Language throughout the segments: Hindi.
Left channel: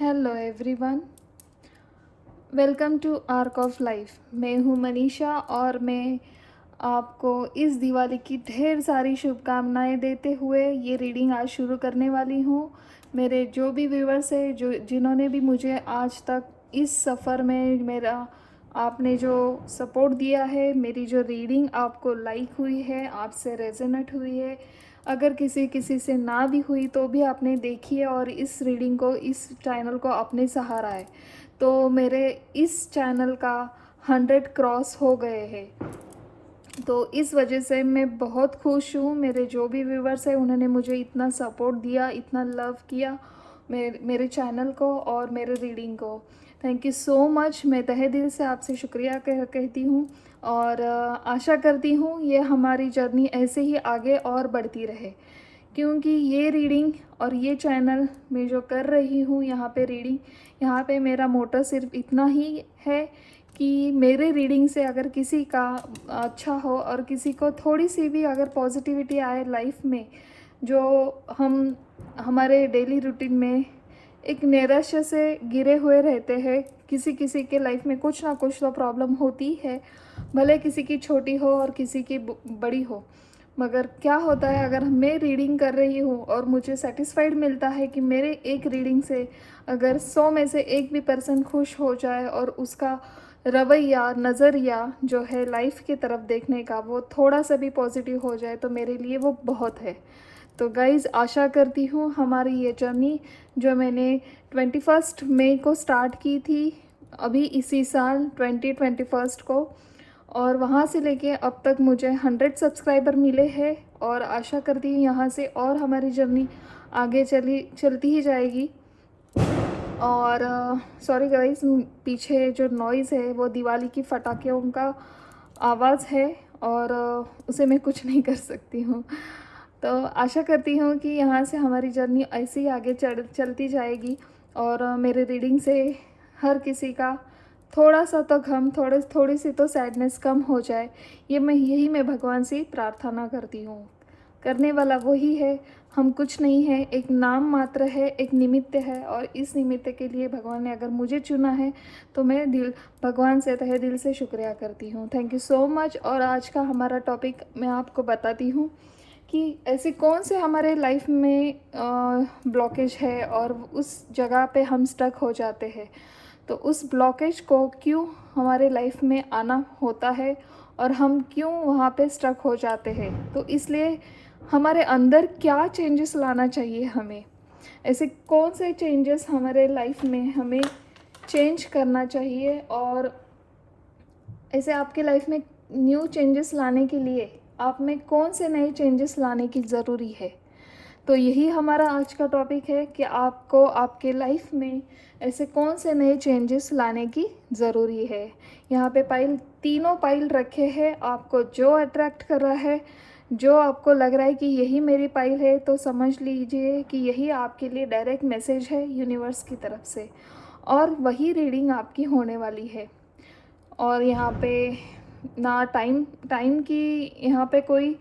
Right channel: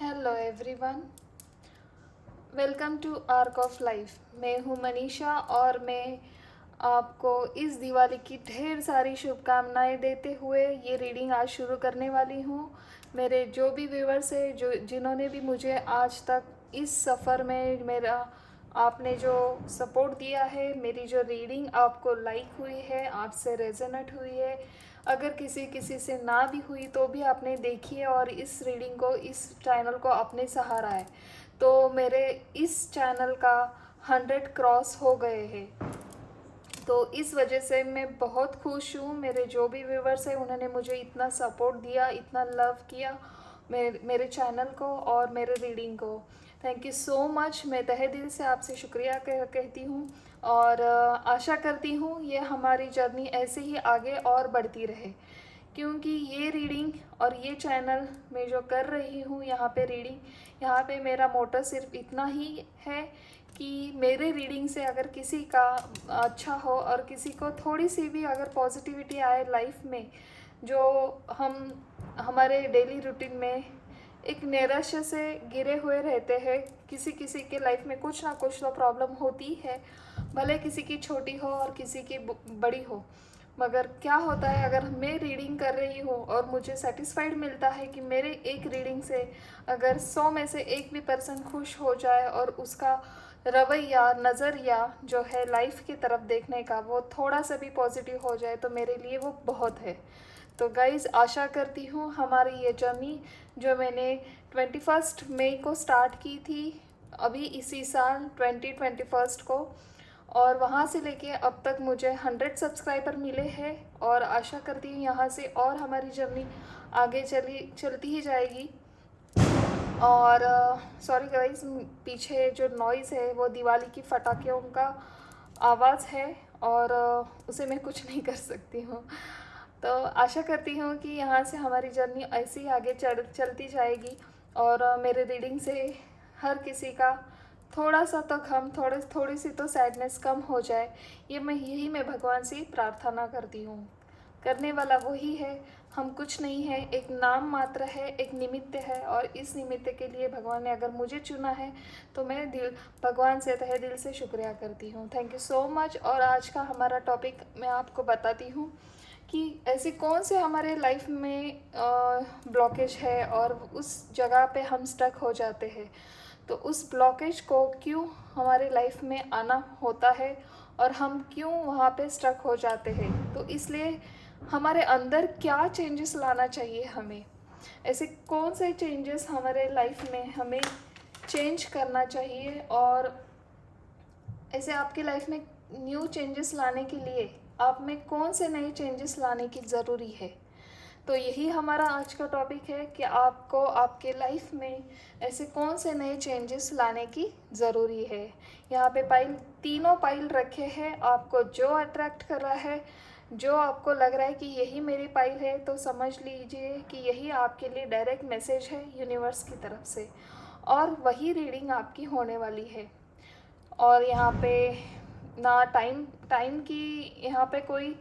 Hello everyone, welcome to arc of life. मैं हूँ मनीषा और मैं आपको इस दिवाली की ढेर सारी शुभकामनाएं देते हुए ये रीडिंग आज शुरू करने वाली हूँ। मेरे जो भी व्यूवर्स हैं, जो जिन्होंने भी मुझे आज तक इस सफ़र में मेरा आपने जो सपोर्ट दिया है, मेरी जो रीडिंग आपको लाइक हुई है, आपसे रेजोनेट हुई है, अगर किसी किसी से ना भी हुई तो भी आपने देखी है और इस रीडिंग को, इस चैनल को अपने सहारा है, तो मेरे इस चैनल का 100 क्रॉस हो गए हैं। तो इस वजह से मैं बहुत खुश हूँ। मेरे जो भी व्यूवर्स हैं उन्होंने मुझे इतना सपोर्ट दिया, इतना लव किया मेरे चैनल को और मेरे रीडिंग को। Thank you so much. मैं तहे दिल से आपसे शुक्रिया कहती हूँ और आशा करती हूँ ये हमारी जर्नी ऐसे ही आगे और बढ़ती रहे, क्योंकि ये रीडिंग और ये चैनल मैं जो कर रही हूँ यहाँ पे रीडिंग, यहाँ पे मेरा मोटो सिर्फ इतना ही है कि मेरे रीडिंग से अगर किसी का अच्छा हो और किसी को थोड़ी सी भी अगर पॉजिटिविटी आए लाइफ में, जो हम हमारे डेली रूटीन में एक नैराश्य से घिरे हुए रहते हैं। किसी किसी के लाइफ में कुछ ना कुछ तो प्रॉब्लम होती है, भले किसी की छोटी हो और किसी की बड़ी हो। मगर क्या होता है, अगर मैं रीडिंग कर रही हूँ और मुझे सेटिस्फाइड मिलता है कि मेरे एक रीडिंग से अगर 100 में से एक भी पर्सन खुश हो जाए और उसका रवैया, नज़रिया जो है लाइफ की तरफ देखने का, वो थोड़ा सा भी पॉजिटिव हो जाए, तो मेरे लिए वो बहुत है। तो गाइज़, आशा करती हूँ हमारी ये जर्नी जो मैंने 21 मई को स्टार्ट की थी, अभी इसी साल 2021 को, और वहाँ से लेके अब तक मुझे 100 सब्सक्राइबर मिले हैं और आशा करती हूँ यहाँ से और हमारी जर्नी आगे चलती ही जाएगी। और सॉरी गाइस, पीछे जो नॉइज़ है वो दिवाली की पटाखों का आवाज़ है और उसे मैं कुछ नहीं कर सकती हूँ। तो आशा करती हूँ कि यहाँ से हमारी जर्नी ऐसे ही आगे चलती जाएगी और मेरे रीडिंग से हर किसी का थोड़ा सा तो गम, थोड़ी सी तो सैडनेस कम हो जाए। यही मैं भगवान से प्रार्थना करती हूँ। करने वाला वही है, हम कुछ नहीं है, एक नाम मात्र है, एक निमित्त है, और इस निमित्त के लिए भगवान ने अगर मुझे चुना है तो मैं भगवान से तहे दिल से शुक्रिया करती हूँ। Thank you so much. और आज का हमारा टॉपिक मैं आपको बताती हूँ कि ऐसे कौन से हमारे लाइफ में ब्लॉकेज है और उस जगह पे हम स्टक हो जाते हैं, तो उस ब्लॉकेज को क्यों हमारे लाइफ में आना होता है और हम क्यों वहाँ पे स्टक हो जाते हैं, तो इसलिए हमारे अंदर क्या चेंजेस लाना चाहिए हमें, ऐसे कौन से चेंजेस हमारे लाइफ में हमें चेंज करना चाहिए, और ऐसे आपके लाइफ में न्यू चेंजेस लाने के लिए आप में कौन से नए चेंजेस लाने की ज़रूरी है। तो यही हमारा आज का टॉपिक है कि आपको आपके लाइफ में ऐसे कौन से नए चेंजेस लाने की ज़रूरी है। यहाँ पे तीनों पाइल रखे हैं। आपको जो अट्रैक्ट कर रहा है, जो आपको लग रहा है कि यही मेरी पाइल है, तो समझ लीजिए कि यही आपके लिए डायरेक्ट मैसेज है यूनिवर्स की तरफ से, और वही रीडिंग आपकी होने वाली है। और यहाँ पे ना टाइम की यहाँ पे कोई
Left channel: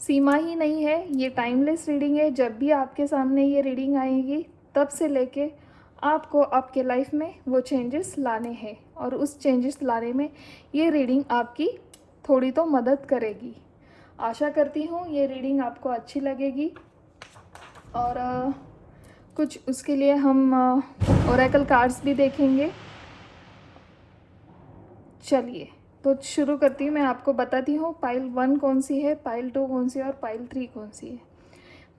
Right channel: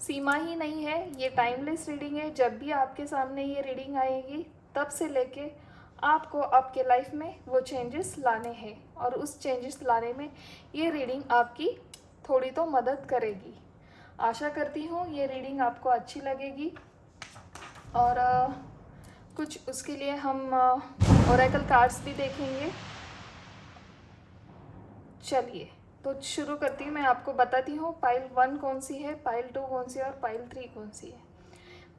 सीमा ही नहीं है, ये टाइमलेस रीडिंग है। जब भी आपके सामने ये रीडिंग आएगी, तब से लेके आपको आपके लाइफ में वो चेंजेस लाने हैं, और उस चेंजेस लाने में ये रीडिंग आपकी थोड़ी तो मदद करेगी। आशा करती हूँ ये रीडिंग आपको अच्छी लगेगी। और कुछ उसके लिए हम ओरेकल कार्ड्स भी देखेंगे। चलिए, तो शुरू करती हूँ। मैं आपको बताती हूँ पाइल 1 कौन सी है, पाइल 2 कौन सी है और पाइल 3 कौन सी है।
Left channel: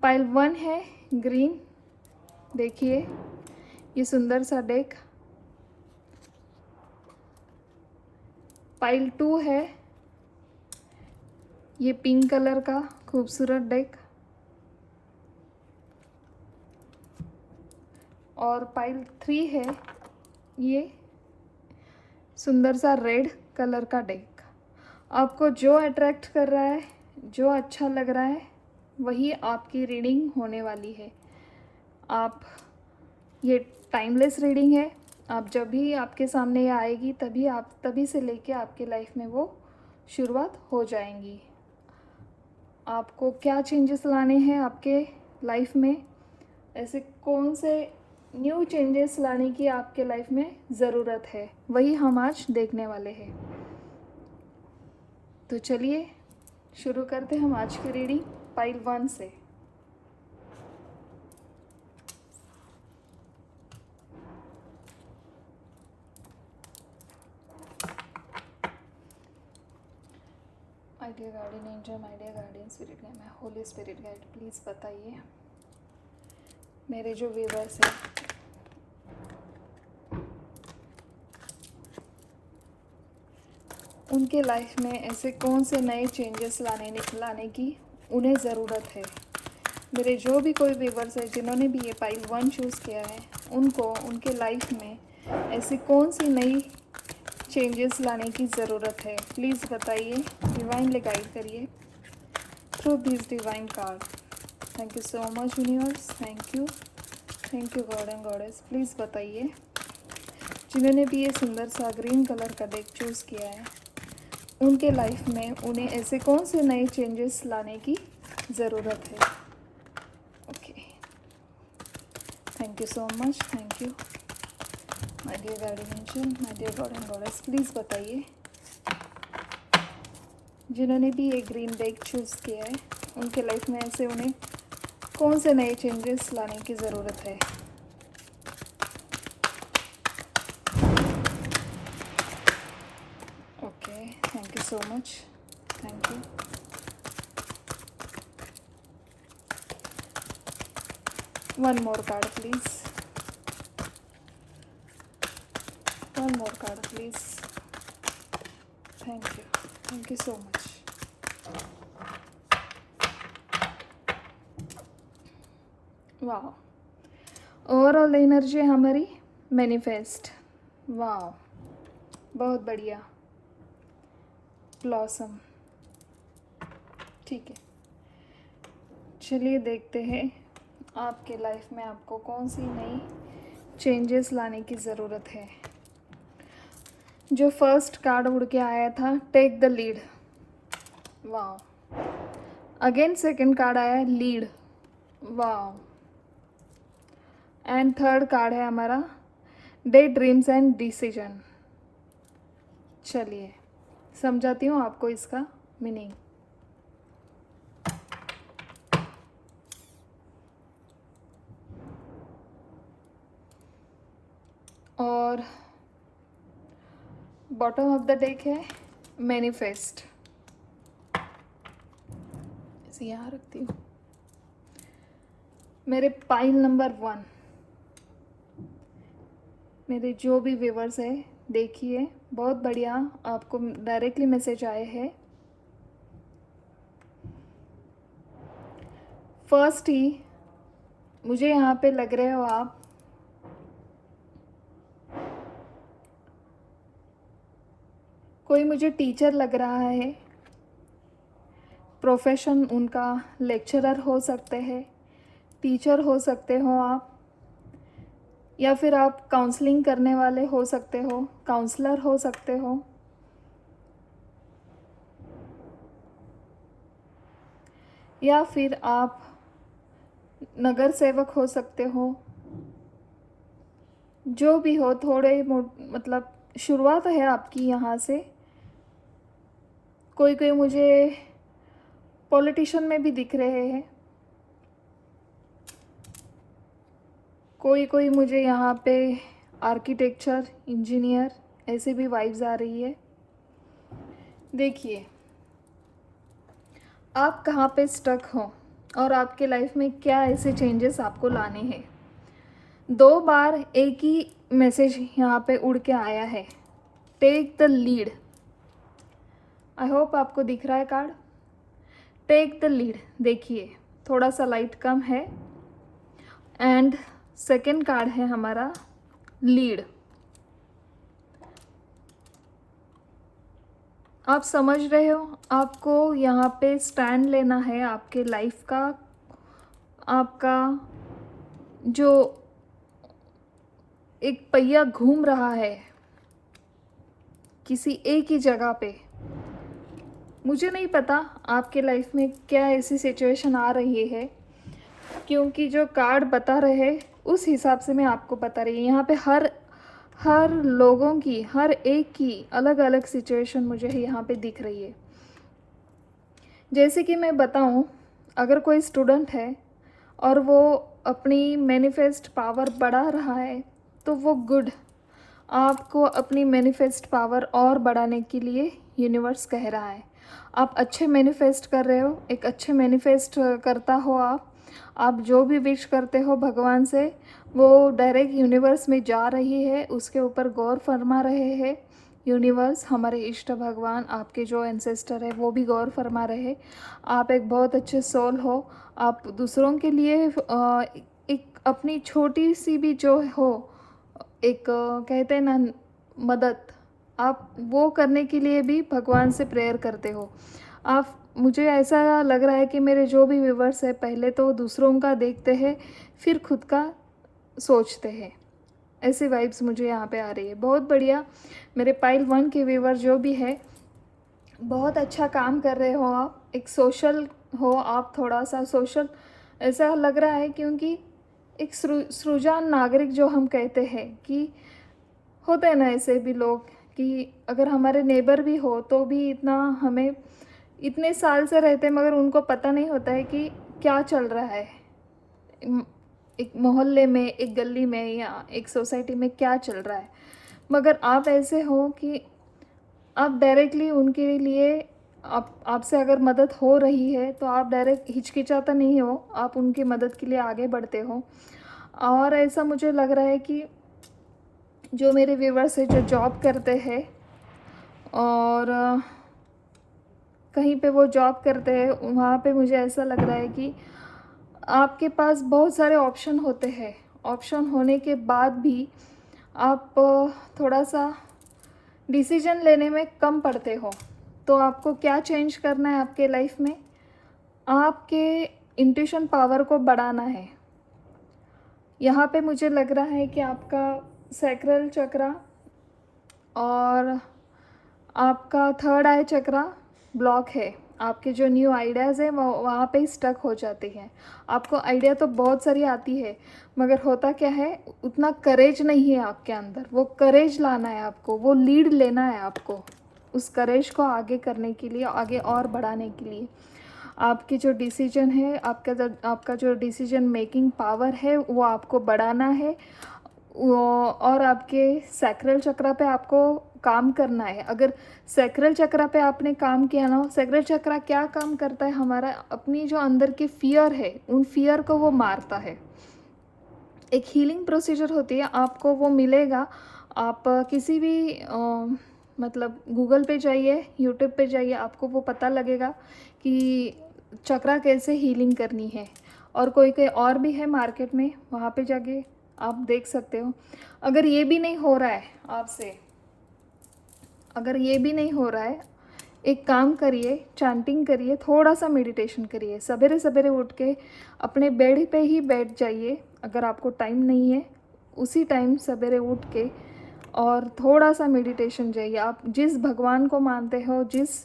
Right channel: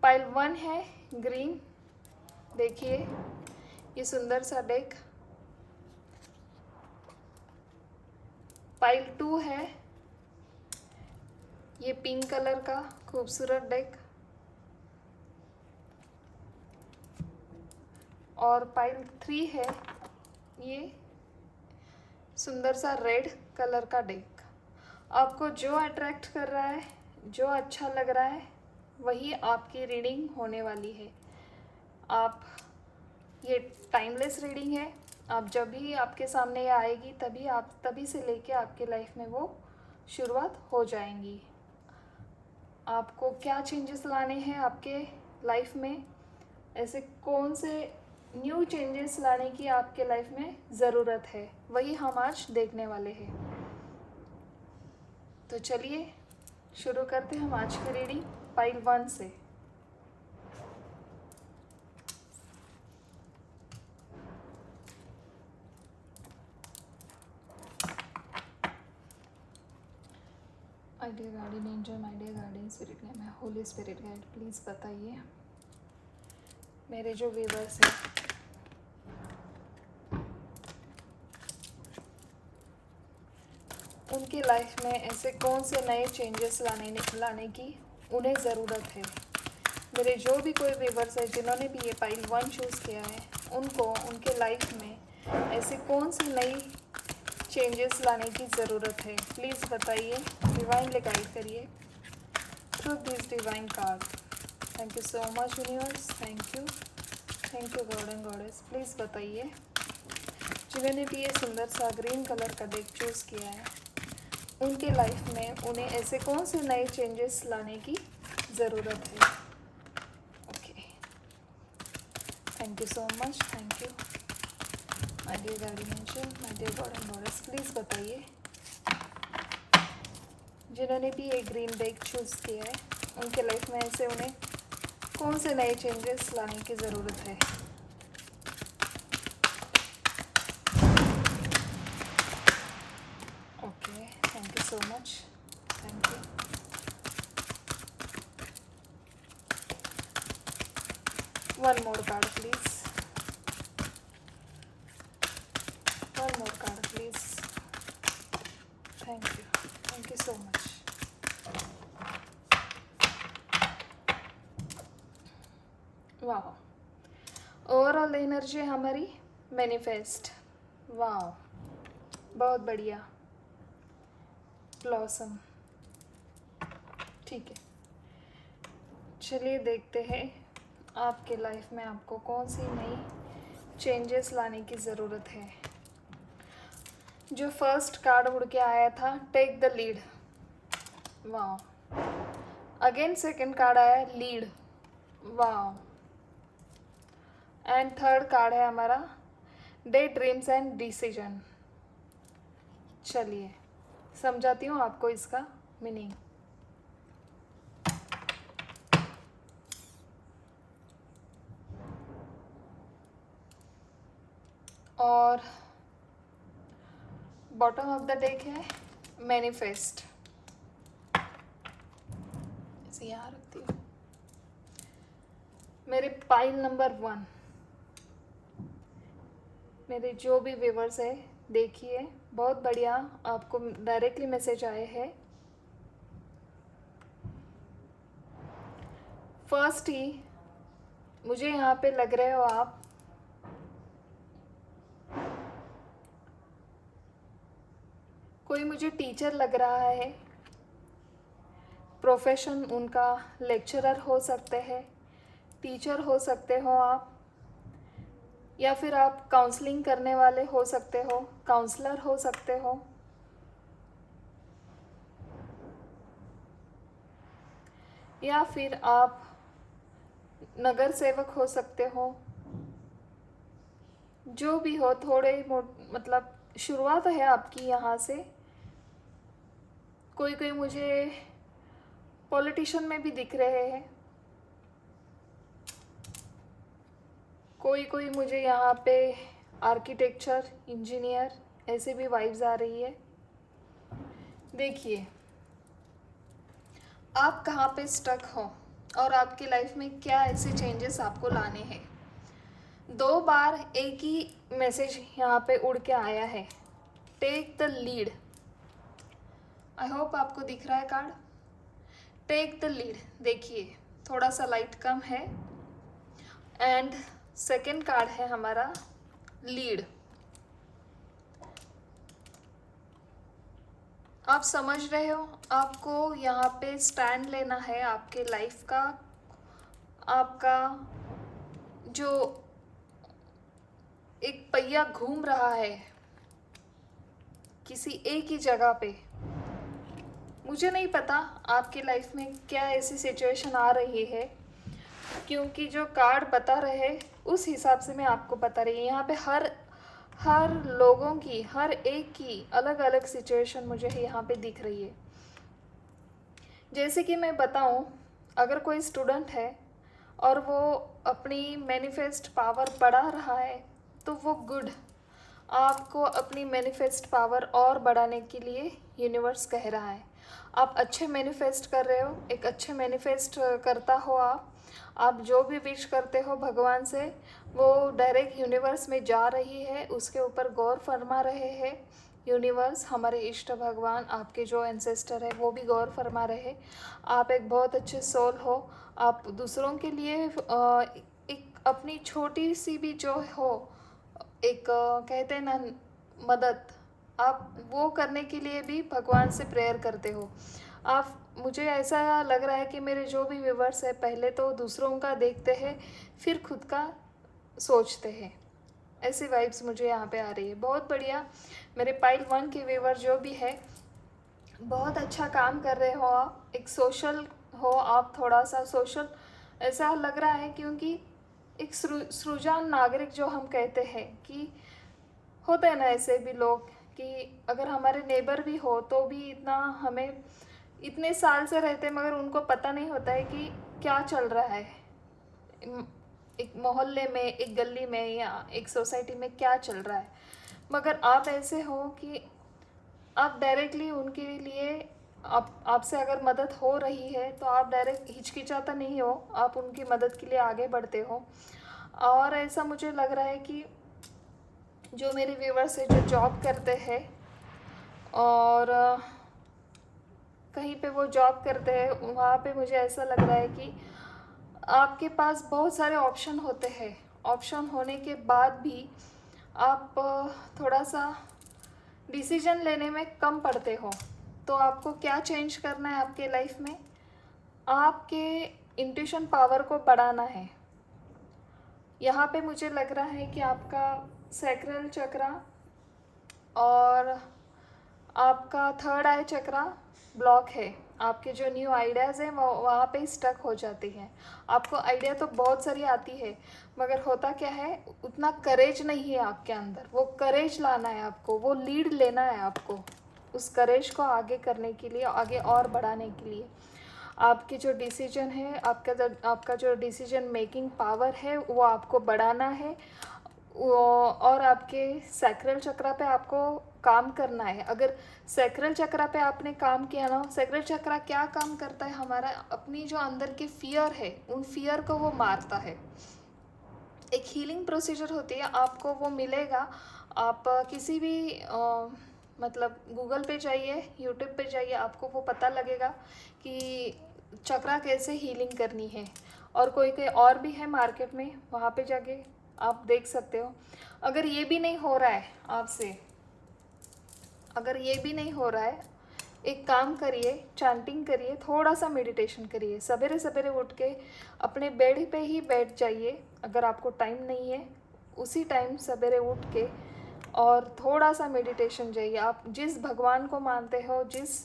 पाइल 1 है ग्रीन, देखिए ये सुंदर सा डेक। पाइल 2 है ये पिंक कलर का खूबसूरत डेक। और पाइल 3 है ये सुंदर सा रेड कलर का डेक। आपको जो अट्रैक्ट कर रहा है, जो अच्छा लग रहा है, वही आपकी रीडिंग होने वाली है। आप ये टाइमलेस रीडिंग है। आप जब भी आपके सामने ये आएगी, तभी से लेके आपके लाइफ में वो शुरुआत हो जाएंगी। आपको क्या चेंजेस लाने हैं आपके लाइफ में, ऐसे कौन से न्यू चेंजेस लाने की आपके लाइफ में ज़रूरत है, वही हम आज देखने वाले हैं। तो चलिए शुरू करते हैं हम आज की रीडिंग पाइल 1 से। My dear guardian angel, my dear guardian spirit guide, my holy spirit guide, please बताइए मेरे जो व्यूअर्स हैं उनके लाइफ में ऐसे कौन से नए चेंजेस लाने की उन्हें ज़रूरत है। मेरे जो भी कोई व्यूअर्स है जिन्होंने भी ये पाइल 1 चूज़ किया है, उनको उनके लाइफ में ऐसी कौन सी नई चेंजेस लाने की ज़रूरत है, प्लीज़ बताइए, डिवाइनली गाइड करिए through this divine card. Thank you so much universe, thank you God and goddess. Please बताइए जिन्होंने भी ये सुंदर सा ग्रीन कलर का डेक चूज़ किया है, उनके लाइफ में उन्हें ऐसे कौन से नए चेंजेस लाने की ज़रूरत है। Okay, thank you so much, thank you my dear guardian angel, my dear God and goddess. Please बताइए जिन्होंने भी ये ग्रीन डेक चूज़ किया है, उनके लाइफ में ऐसे उन्हें कौन से नए चेंजेस लाने की ज़रूरत है। So much. Thank you. One more card, please. One more card, please. Thank you. Thank you so much. वाह, ओवरऑल एनर्जी हमारी मैनिफेस्ट। वाह, बहुत बढ़िया। ब्लॉसम, ठीक है, चलिए देखते हैं आपके लाइफ में आपको कौन सी नई चेंजेस लाने की ज़रूरत है। जो फर्स्ट कार्ड उड़ के आया था, टेक द लीड। वाह, अगेन सेकंड कार्ड आया लीड। वाह, एंड थर्ड कार्ड है हमारा डे ड्रीम्स एंड डिसीजन। चलिए समझाती हूँ आपको इसका मीनिंग। और बॉटम ऑफ द डेक है मैनिफेस्ट। ऐसे यहाँ रखती हूँ। मेरे पाइल नंबर 1, मेरे जो भी व्यूवर्स हैं देखिए, बहुत बढ़िया आपको डायरेक्टली मैसेज आए हैं। फर्स्ट ही मुझे यहाँ पे लग रहे हो आप कोई मुझे टीचर लग रहा है। प्रोफेशन उनका लेक्चरर हो सकते हैं, टीचर हो सकते हो आप, या फिर आप काउंसलिंग करने वाले हो सकते हो, काउंसलर हो सकते हो, या फिर आप नगर सेवक हो सकते हो। जो भी हो, थोड़े मतलब शुरुआत है आपकी यहाँ से। कोई कोई मुझे पॉलिटिशियन में भी दिख रहे हैं, कोई कोई मुझे यहाँ पे आर्किटेक्चर, इंजीनियर, ऐसे भी वाइब्स आ रही है। देखिए आप कहाँ पे स्टक हो और आपके लाइफ में क्या ऐसे चेंजेस आपको लाने हैं। 2 बार एक ही मैसेज यहाँ पे उड़ के आया है, take the lead. I hope आपको दिख रहा है कार्ड, टेक द लीड। देखिए थोड़ा सा लाइट कम है। एंड सेकेंड कार्ड है हमारा लीड। आप समझ रहे हो, आपको यहाँ पे स्टैंड लेना है आपके लाइफ का। आपका जो एक पहिया घूम रहा है किसी एक ही जगह पे, मुझे नहीं पता आपके लाइफ में क्या ऐसी सिचुएशन आ रही है, क्योंकि जो कार्ड बता रहे उस हिसाब से मैं आपको बता रही हूँ। यहाँ पे हर हर लोगों की, हर एक की अलग अलग सिचुएशन मुझे यहाँ पे दिख रही है। जैसे कि मैं बताऊँ, अगर कोई स्टूडेंट है और वो अपनी मैनिफेस्ट पावर बढ़ा रहा है तो वो गुड। आपको अपनी मैनिफेस्ट पावर और बढ़ाने के लिए यूनिवर्स कह रहा है। आप अच्छे मैनिफेस्ट कर रहे हो, एक अच्छे मैनिफेस्ट करता हो आप जो भी विश करते हो भगवान से, वो डायरेक्ट यूनिवर्स में जा रही है, उसके ऊपर गौर फरमा रहे हैं यूनिवर्स, हमारे इष्ट भगवान, आपके जो एंसेस्टर है वो भी गौर फरमा रहे हैं। आप एक बहुत अच्छे सोल हो। आप दूसरों के लिए एक अपनी छोटी सी भी जो हो, एक कहते हैं ना मदद, आप वो करने के लिए भी भगवान से प्रेयर करते हो। आप, मुझे ऐसा लग रहा है कि मेरे जो भी व्यूवर्स है पहले तो दूसरों का देखते हैं, फिर खुद का सोचते हैं। ऐसे वाइब्स मुझे यहाँ पे आ रही है। बहुत बढ़िया। मेरे पाइल 1 के व्यूवर जो भी है, बहुत अच्छा काम कर रहे हो आप, एक सोशल हो आप, थोड़ा सा सोशल ऐसा लग रहा है, क्योंकि एक सृजन नागरिक जो हम कहते हैं कि होते हैं ना ऐसे भी लोग कि अगर हमारे नेबर भी हो तो भी इतना हमें इतने साल से रहते मगर उनको पता नहीं होता है कि क्या चल रहा है एक मोहल्ले में, एक गली में या एक सोसाइटी में क्या चल रहा है। मगर आप ऐसे हो कि आप डायरेक्टली उनके लिए, आपसे अगर मदद हो रही है तो आप डायरेक्ट हिचकिचाता नहीं हो, आप उनकी मदद के लिए आगे बढ़ते हो। और ऐसा मुझे लग रहा है कि जो मेरे व्यूवर्स है जो जॉब करते हैं और कहीं पे वो जॉब करते हैं, वहाँ पे मुझे ऐसा लग रहा है कि आपके पास बहुत सारे ऑप्शन होते हैं। ऑप्शन होने के बाद भी आप थोड़ा सा डिसीजन लेने में कम पड़ते हो। तो आपको क्या चेंज करना है आपके लाइफ में? आपके इंट्यूशन पावर को बढ़ाना है। यहाँ पे मुझे लग रहा है कि आपका सैक्रल चक्रा और आपका थर्ड आई चक्रा ब्लॉक है। आपके जो न्यू आइडियाज़ है वो वहाँ पे स्टक हो जाते हैं। आपको आइडिया तो बहुत सारी आती है मगर होता क्या है, उतना करेज नहीं है आपके अंदर। वो करेज लाना है आपको, वो लीड लेना है आपको उस करेज को आगे करने के लिए, आगे और बढ़ाने के लिए। आपकी जो डिसीजन है, आपका जो डिसीजन मेकिंग पावर है वो आपको बढ़ाना है। और आपके सैक्रल चक्रा पे आपको काम करना है। अगर सैक्रल चक्रा पे आपने काम किया ना, सैक्रल चक्रा क्या काम करता है, हमारा अपनी जो अंदर के फियर है उन फियर को वो मारता है। एक हीलिंग प्रोसीजर होती है, आपको वो मिलेगा। आप किसी भी मतलब गूगल पे जाइए, यूट्यूब पे जाइए, आपको वो पता लगेगा कि चक्रा कैसे हीलिंग करनी है। और कोई कोई और भी है मार्केट में, वहाँ पे जाके आप देख सकते हो। अगर ये भी नहीं हो रहा है आपसे, अगर ये भी नहीं हो रहा है, एक काम करिए, चैंटिंग करिए, थोड़ा सा मेडिटेशन करिए। सवेरे सवेरे उठ के अपने बेड पे ही बैठ जाइए। अगर आपको टाइम नहीं है, उसी टाइम सवेरे उठ के और थोड़ा सा मेडिटेशन जाइए। आप जिस भगवान को मानते हो, जिस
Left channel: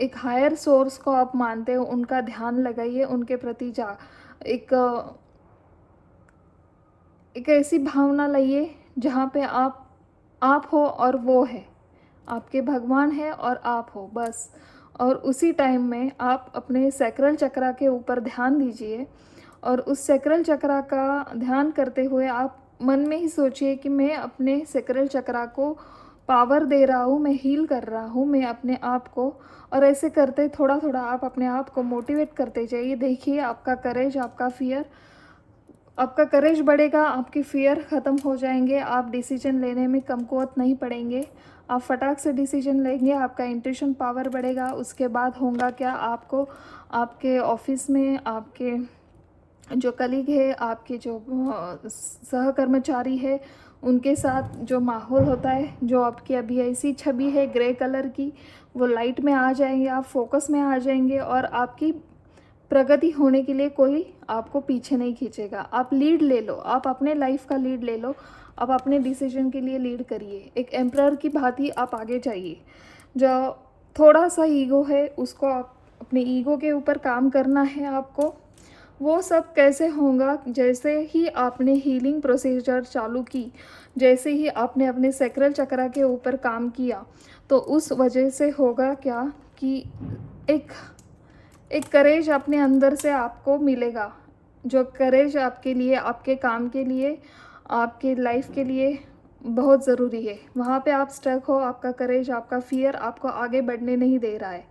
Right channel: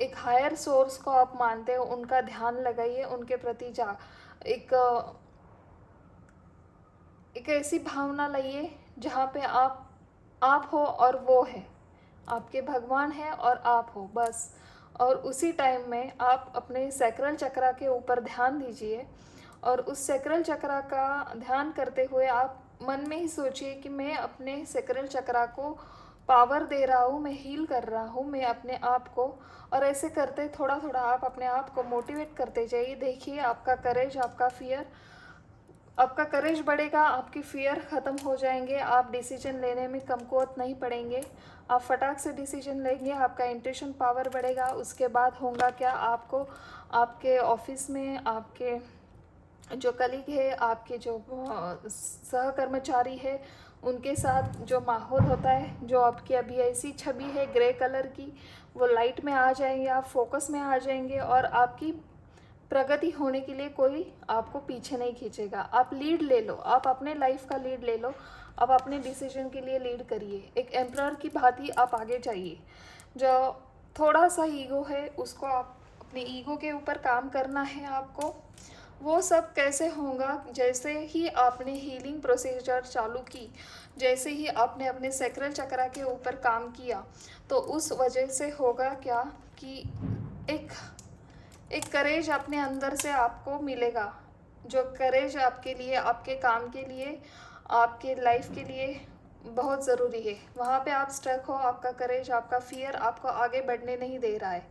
एक हायर सोर्स को आप मानते हो, उनका ध्यान लगाइए, उनके प्रति एक एक ऐसी भावना लाइए जहाँ पे आप हो और वो है, आपके भगवान है और आप हो बस। और उसी टाइम में आप अपने सैक्रल चक्रा के ऊपर ध्यान दीजिए और उस सैक्रल चक्रा का ध्यान करते हुए आप मन में ही सोचिए कि मैं अपने सैक्रल चक्रा को पावर दे रहा हूँ, मैं हील कर रहा हूँ मैं अपने आप को। और ऐसे करते थोड़ा थोड़ा आप अपने आप को मोटिवेट करते जाइए। देखिए आपका करेज, आपका करेज बढ़ेगा, आपके फियर ख़त्म हो जाएंगे, आप डिसीजन लेने में कमकुवत नहीं पड़ेंगे, आप फटाक से डिसीजन लेंगे, आपका इंट्यूशन पावर बढ़ेगा। उसके बाद होगा क्या, आपको आपके ऑफिस में आपके जो कलीग है, आपके जो सहकर्मचारी है, उनके साथ जो माहौल होता है, जो आपकी अभी ऐसी छवि है ग्रे कलर की, वो लाइट में आ जाएंगे, आप फोकस में आ जाएंगे और आपकी प्रगति होने के लिए कोई आपको पीछे नहीं खींचेगा। आप लीड ले लो, आप अपने लाइफ का लीड ले लो, आप अपने डिसीजन के लिए लीड करिए। एक एम्परर की भांति आप आगे जाइए। जो थोड़ा सा ईगो है उसको अपने ईगो के ऊपर काम करना है आपको। वो सब कैसे होगा? जैसे ही आपने हीलिंग प्रोसीजर चालू की, जैसे ही आपने अपने सैक्रल चक्र के ऊपर काम किया, तो उस वजह से होगा क्या कि एक एक करेज अपने अंदर से आपको मिलेगा, जो करेज आपके लिए, आपके काम के लिए, आपके लाइफ के लिए बहुत ज़रूरी है। वहाँ पे आप स्टक हो, आपका करेज, आपका फियर आपको आगे बढ़ने नहीं दे रहा है।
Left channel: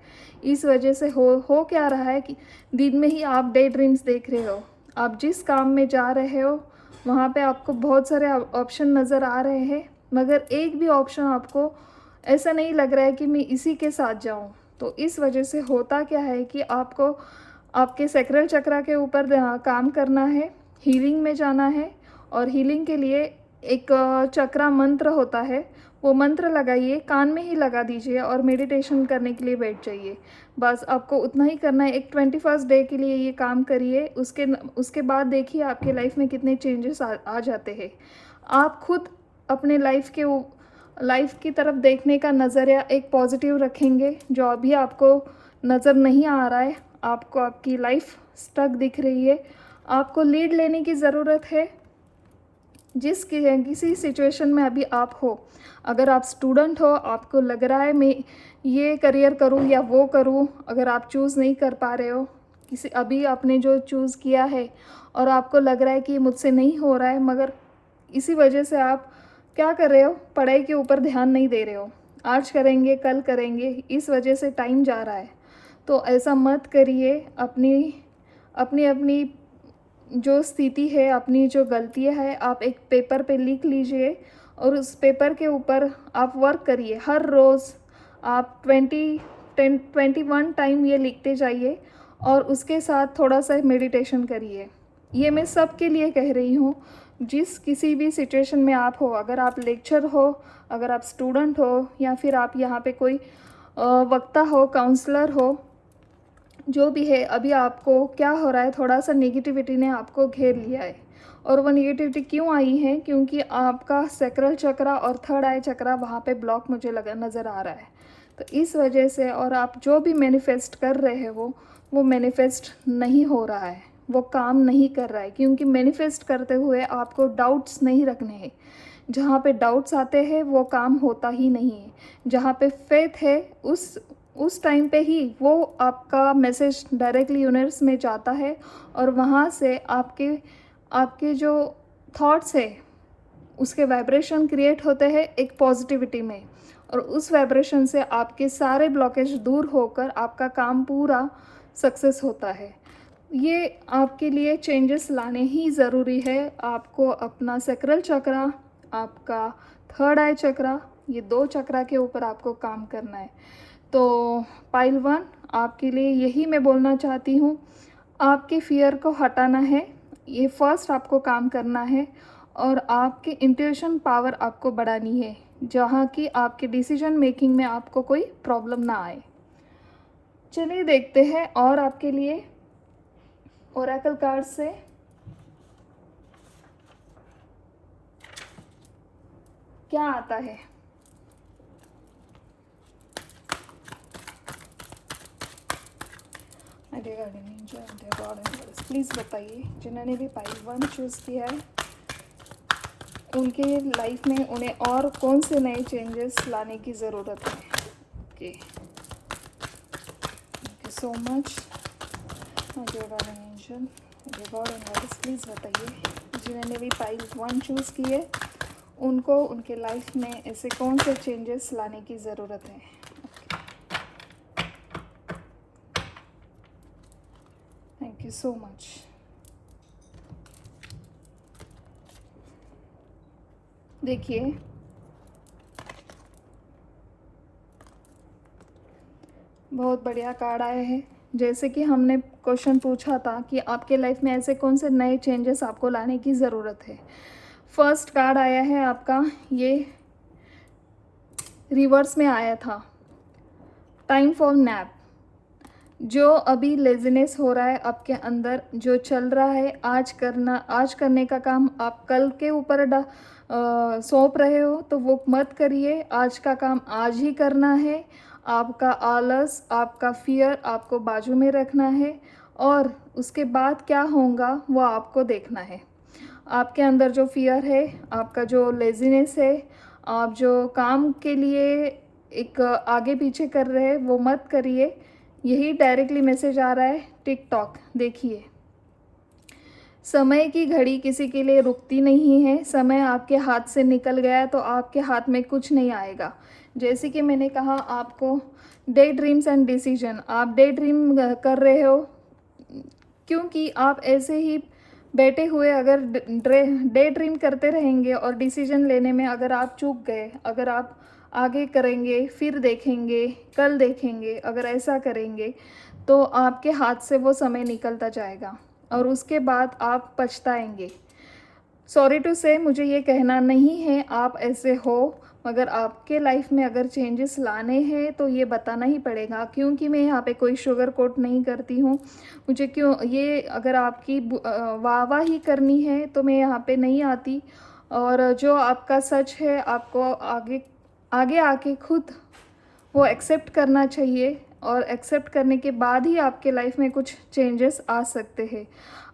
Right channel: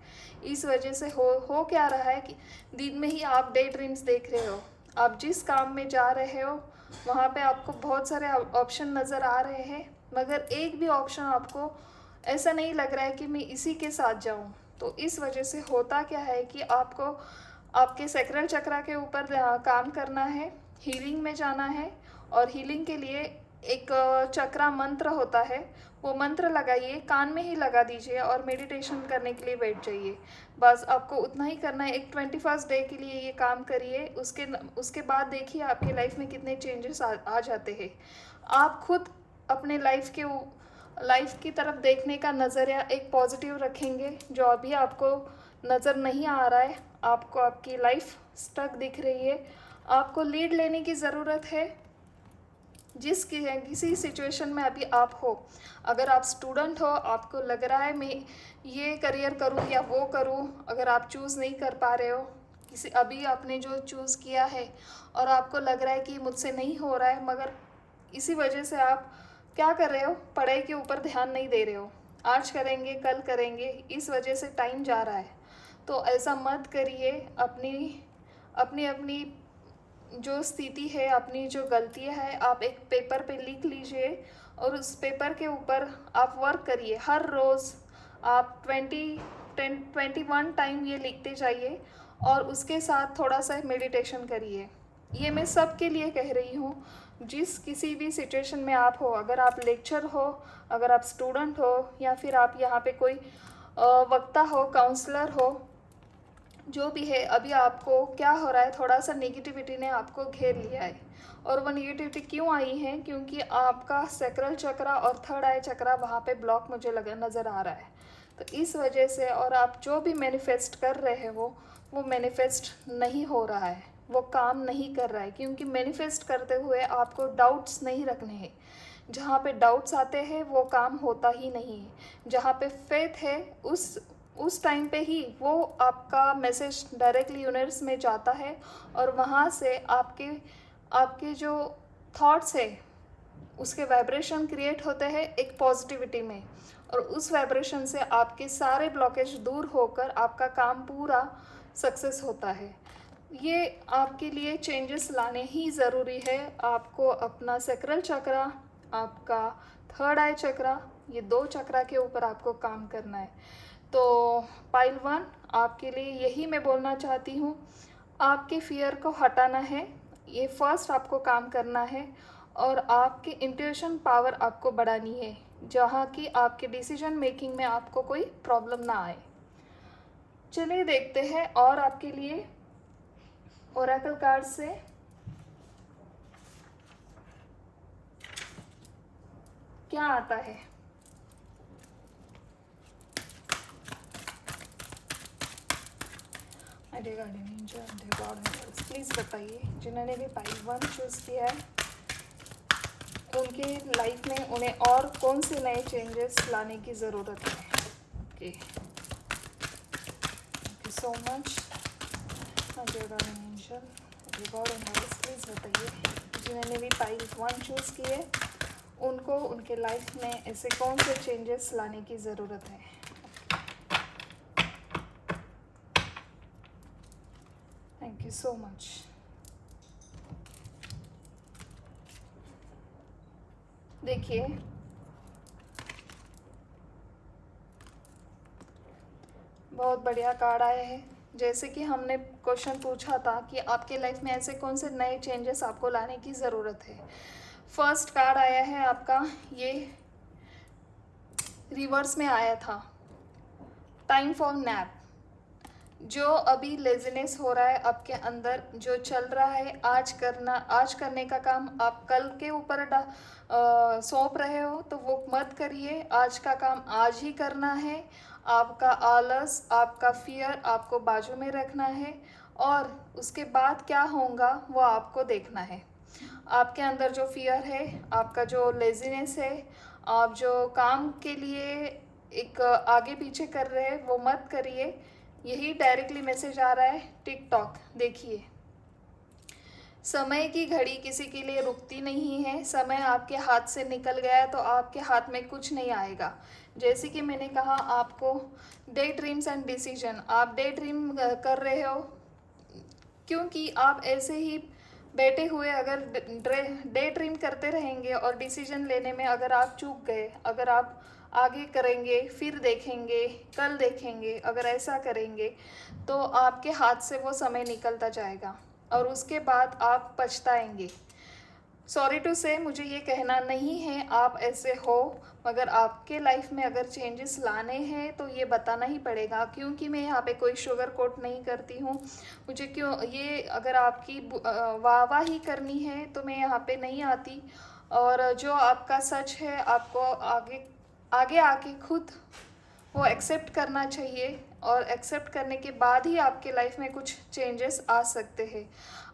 इस वजह से हो क्या रहा है कि दिन में ही आप डे ड्रीम्स देख रहे हो। आप जिस काम में जा रहे हो वहाँ पे आपको बहुत सारे ऑप्शन नज़र आ रहे हैं, मगर एक भी ऑप्शन आपको ऐसा नहीं लग रहा है कि मैं इसी के साथ जाऊँ। तो इस वजह से होता क्या है कि आपको आपके सैक्रल चक्र के ऊपर काम करना है, हीलिंग में जाना है। और हीलिंग के लिए एक चक्रा मंत्र होता है, वो मंत्र लगाइए, कान में ही लगा दीजिए और मेडिटेशन करने के लिए बैठ जाइए। बस आपको उतना ही करना है। एक 21st डे के लिए ये काम करिए। उसके बाद देखिए आपके लाइफ में कितने चेंजेस आ जाते हैं। आप खुद अपने लाइफ की तरफ देखने का नज़रिया एक पॉजिटिव रखेंगे। जो अभी आपको नज़र नहीं आ रहा है, आपको आपकी लाइफ स्टक दिख रही है, आपको लीड लेने की ज़रूरत है। किसी सिचुएशन में अभी आप हो, अगर आप स्टूडेंट हो, आपको लग रहा है मैं ये करियर करूँ या वो करूँ, अगर आप चूज़ नहीं कर पा रहे हो, किसी अभी आपने जो चूज़ किया है और आपको लग रहा है कि मुझसे नहीं हो रहा है, मगर इसी वजह से आप क्या कर रहे हो, पढ़ाई के ऊपर ध्यान नहीं दे रहे हो। आज करेंगे, कल करेंगे, इस वजह से टाइम जा रहा है। तो ऐसा मत करिए। अपनी अपनी अपनी जो स्थिति है, अपनी जो गलतियाँ है, आप एक पेपर पे लिख लीजिए और उस पेपर के ऊपर आप वर्क करिए। हर रोज़ आप 21 टाइम ये लिखते जाइए और उसके साथ थोड़ा सा मेडिटेशन करिए। ये मैं सबके लिए कह रही हूँ, जिस किसी भी सिचुएशन में आप हो, अगर आप लेक्चर हो, अगर आप स्टूडेंट हो, या फिर आप यहाँ पे कोई वक्ता हो, काउंसलर हो, जो भी है। अभी आपको क्या हो रहा है, थोड़ा सा नेगेटिविटी ने आपको घेर लिया है। और वो नेगेटिविटी क्यों आई है? क्योंकि आपका सैक्रल चक्र और थर्ड आई चक्र वहाँ पे ब्लॉक मुझे लगा नज़र आ रहा है। तो इस वजह से, और आप जो भी मैनिफेस्ट कर रहे हो वो मैनिफेस्ट नहीं हो रहा है, वो काम नहीं कर रहा है। क्योंकि मैनिफेस्ट करते हुए आपको डाउट्स नहीं रखने हैं। जहाँ पे डाउट्स आते हैं वो काम होता ही नहीं है। जहाँ पे फेथ है, उस टाइम पे ही वो आपका मैसेज डायरेक्टली यूनिवर्स में जाता है और वहाँ से आपके आपके जो थॉट्स है उसके वाइब्रेशन क्रिएट होते हैं एक पॉजिटिविटी में, और उस वाइब्रेशन से आपके सारे ब्लॉकेज दूर होकर आपका काम पूरा सक्सेस होता है। ये आपके लिए चेंजेस लाने ही ज़रूरी है। आपको अपना सैक्रल चक्र, आपका थर्ड आई चक्र, ये 2 चक्र के ऊपर आपको काम करना है। तो पाइल 1, आपके लिए यही मैं बोलना चाहती हूँ, आपके फियर को हटाना है। ये फर्स्ट आपको काम करना है और आपके इंट्यूशन पावर आपको बढ़ानी है, जहाँ कि आपके डिसीजन मेकिंग में आपको कोई प्रॉब्लम ना आए। चलिए देखते हैं और आपके लिए ओरेकल कार्ड से क्या आता है। प्लीज़ बताइए, जिन्होंने भी पाइल 1 चूज़ किया है उनके लाइफ में उन्हें और कौन से नए चेंजेस लाने की ज़रूरत है। Okay, so much. प्लीज़ बताइए, जिन्होंने भी पाइल 1 चूज़ की है उनको उनके लाइफ में ऐसे कौन से चेंजेस लाने की ज़रूरत है। Thank you so much. देखिए, बहुत बढ़िया कार्ड आए हैं। जैसे कि हमने क्वेश्चन पूछा था कि आपके लाइफ में ऐसे कौन से नए चेंजेस आपको लाने की ज़रूरत है। फर्स्ट कार्ड आया है आपका, ये रिवर्स में आया था, टाइम फॉर नैप। जो अभी लेजीनेस हो रहा है आपके अंदर, जो चल रहा है, आज करने का काम आप कल के ऊपर सौंप रहे हो, तो वो मत करिए। आज का काम आज ही करना है। आपका आलस, आपका फियर आपको बाजू में रखना है और उसके बाद क्या होगा वो आपको देखना है। आपके अंदर जो फियर है, आपका जो लेज़ीनेस है, आप जो काम के लिए एक आगे पीछे कर रहे हैं वो मत करिए। यही डायरेक्टली मैसेज आ रहा है टिकटॉक। देखिए, समय की घड़ी किसी के लिए रुकती नहीं है। समय आपके हाथ से निकल गया तो आपके हाथ में कुछ नहीं आएगा। जैसे कि मैंने कहा आपको, डे ड्रीम्स एंड डिसीजन, आप डे ड्रीम कर रहे हो क्योंकि आप ऐसे ही बैठे हुए अगर डे ड्रीम करते रहेंगे और डिसीजन लेने में अगर आप चूक गए, अगर आप आगे करेंगे फिर देखेंगे, कल देखेंगे, अगर ऐसा करेंगे तो आपके हाथ से वो समय निकलता जाएगा और उसके बाद आप पछताएंगे। सॉरी टू से, मुझे ये कहना नहीं है आप ऐसे हो, मगर आपके लाइफ में अगर चेंजेस लाने हैं तो ये बताना ही पड़ेगा। क्योंकि मैं यहाँ पे कोई शुगर कोट नहीं करती हूँ। मुझे क्यों ये, अगर आपकी वाह ही करनी है तो मैं यहाँ पे नहीं आती। और जो आपका सच है आपको आगे आगे आके खुद वो एक्सेप्ट करना चाहिए, और एक्सेप्ट करने के बाद ही आपके लाइफ में कुछ चेंजेस आ सकते हैं।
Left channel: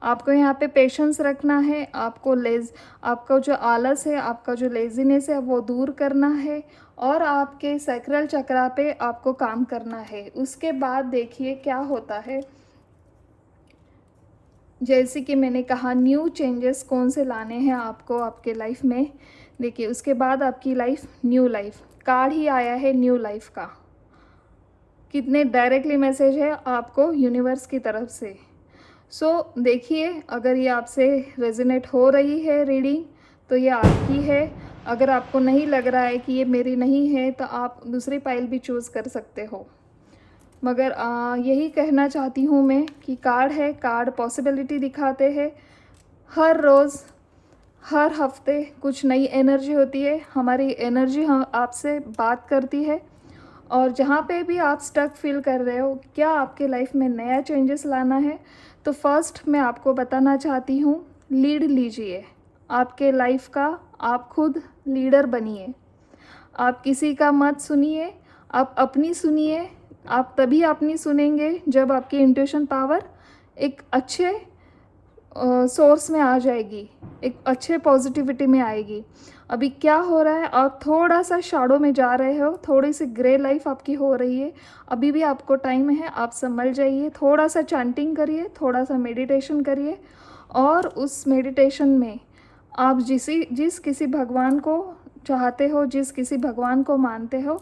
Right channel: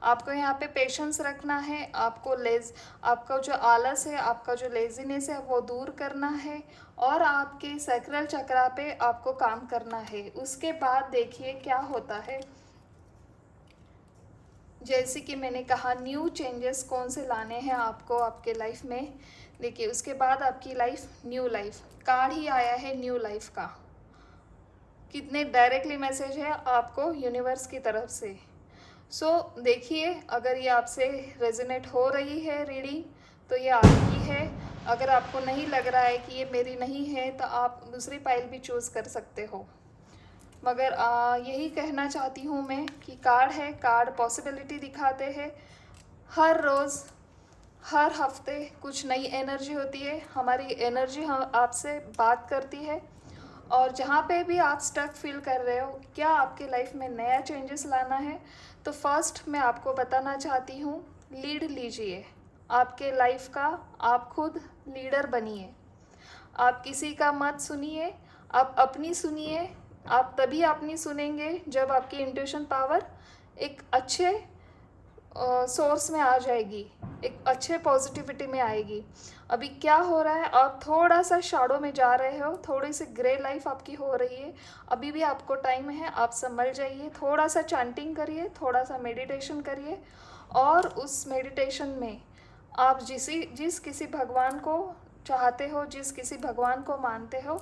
आपको यहाँ पे पेशेंस रखना है, आपको जो आलस है, आपका जो लेज़ीनेस है वो दूर करना है, और आपके सैक्रल चक्रा पे आपको काम करना है। उसके बाद देखिए क्या होता है। जैसे कि मैंने कहा, न्यू चेंजेस कौन से लाने हैं आपको आपके लाइफ में। देखिए, उसके बाद आपकी लाइफ न्यू लाइफ कार्ड ही आया है, न्यू लाइफ का। कितने डायरेक्टली मैसेज है आपको यूनिवर्स की तरफ से। सो देखिए, अगर ये आपसे रेजोनेट हो रही है रीडिंग तो ये आपकी है। अगर आपको नहीं लग रहा है कि ये मेरी नहीं है तो आप दूसरी पाइल भी चूज़ कर सकते हो। मगर यही कहना चाहती हूँ मैं कि कार्ड है, कार्ड पॉसिबिलिटी दिखाते हैं। हर रोज़, हर हफ्ते कुछ नई एनर्जी होती है। हमारी एनर्जी हम आपसे बात करती है। और जहाँ पे भी आप स्टक फील कर रहे हो, क्या आपके लाइफ में नया चेंजेस लाना है, तो फर्स्ट मैं आपको बताना चाहती हूँ, लीड लीजिए आपके लाइफ का। आप खुद लीडर बनिए। आप किसी का मत सुनिए, आप अपनी सुनिए। आप तभी अपनी सुनेंगे जब आपकी इंट्यूशन पावर एक अच्छे सोर्स में आ जाएगी, एक अच्छे पॉजिटिविटी में आएगी। अभी क्या हो रहा है, आप थोड़ा सा शैडो में जा रहे हो, थोड़ी सी ग्रे लाइफ आपकी हो रही है। अभी भी आपको टाइम है, आप संभल जाइए। थोड़ा सा चैंटिंग करिए, थोड़ा सा मेडिटेशन करिए, और उस मेडिटेशन में आप जिस किसी भगवान को चाहते हो, जिस किसी भगवान को मानते हो,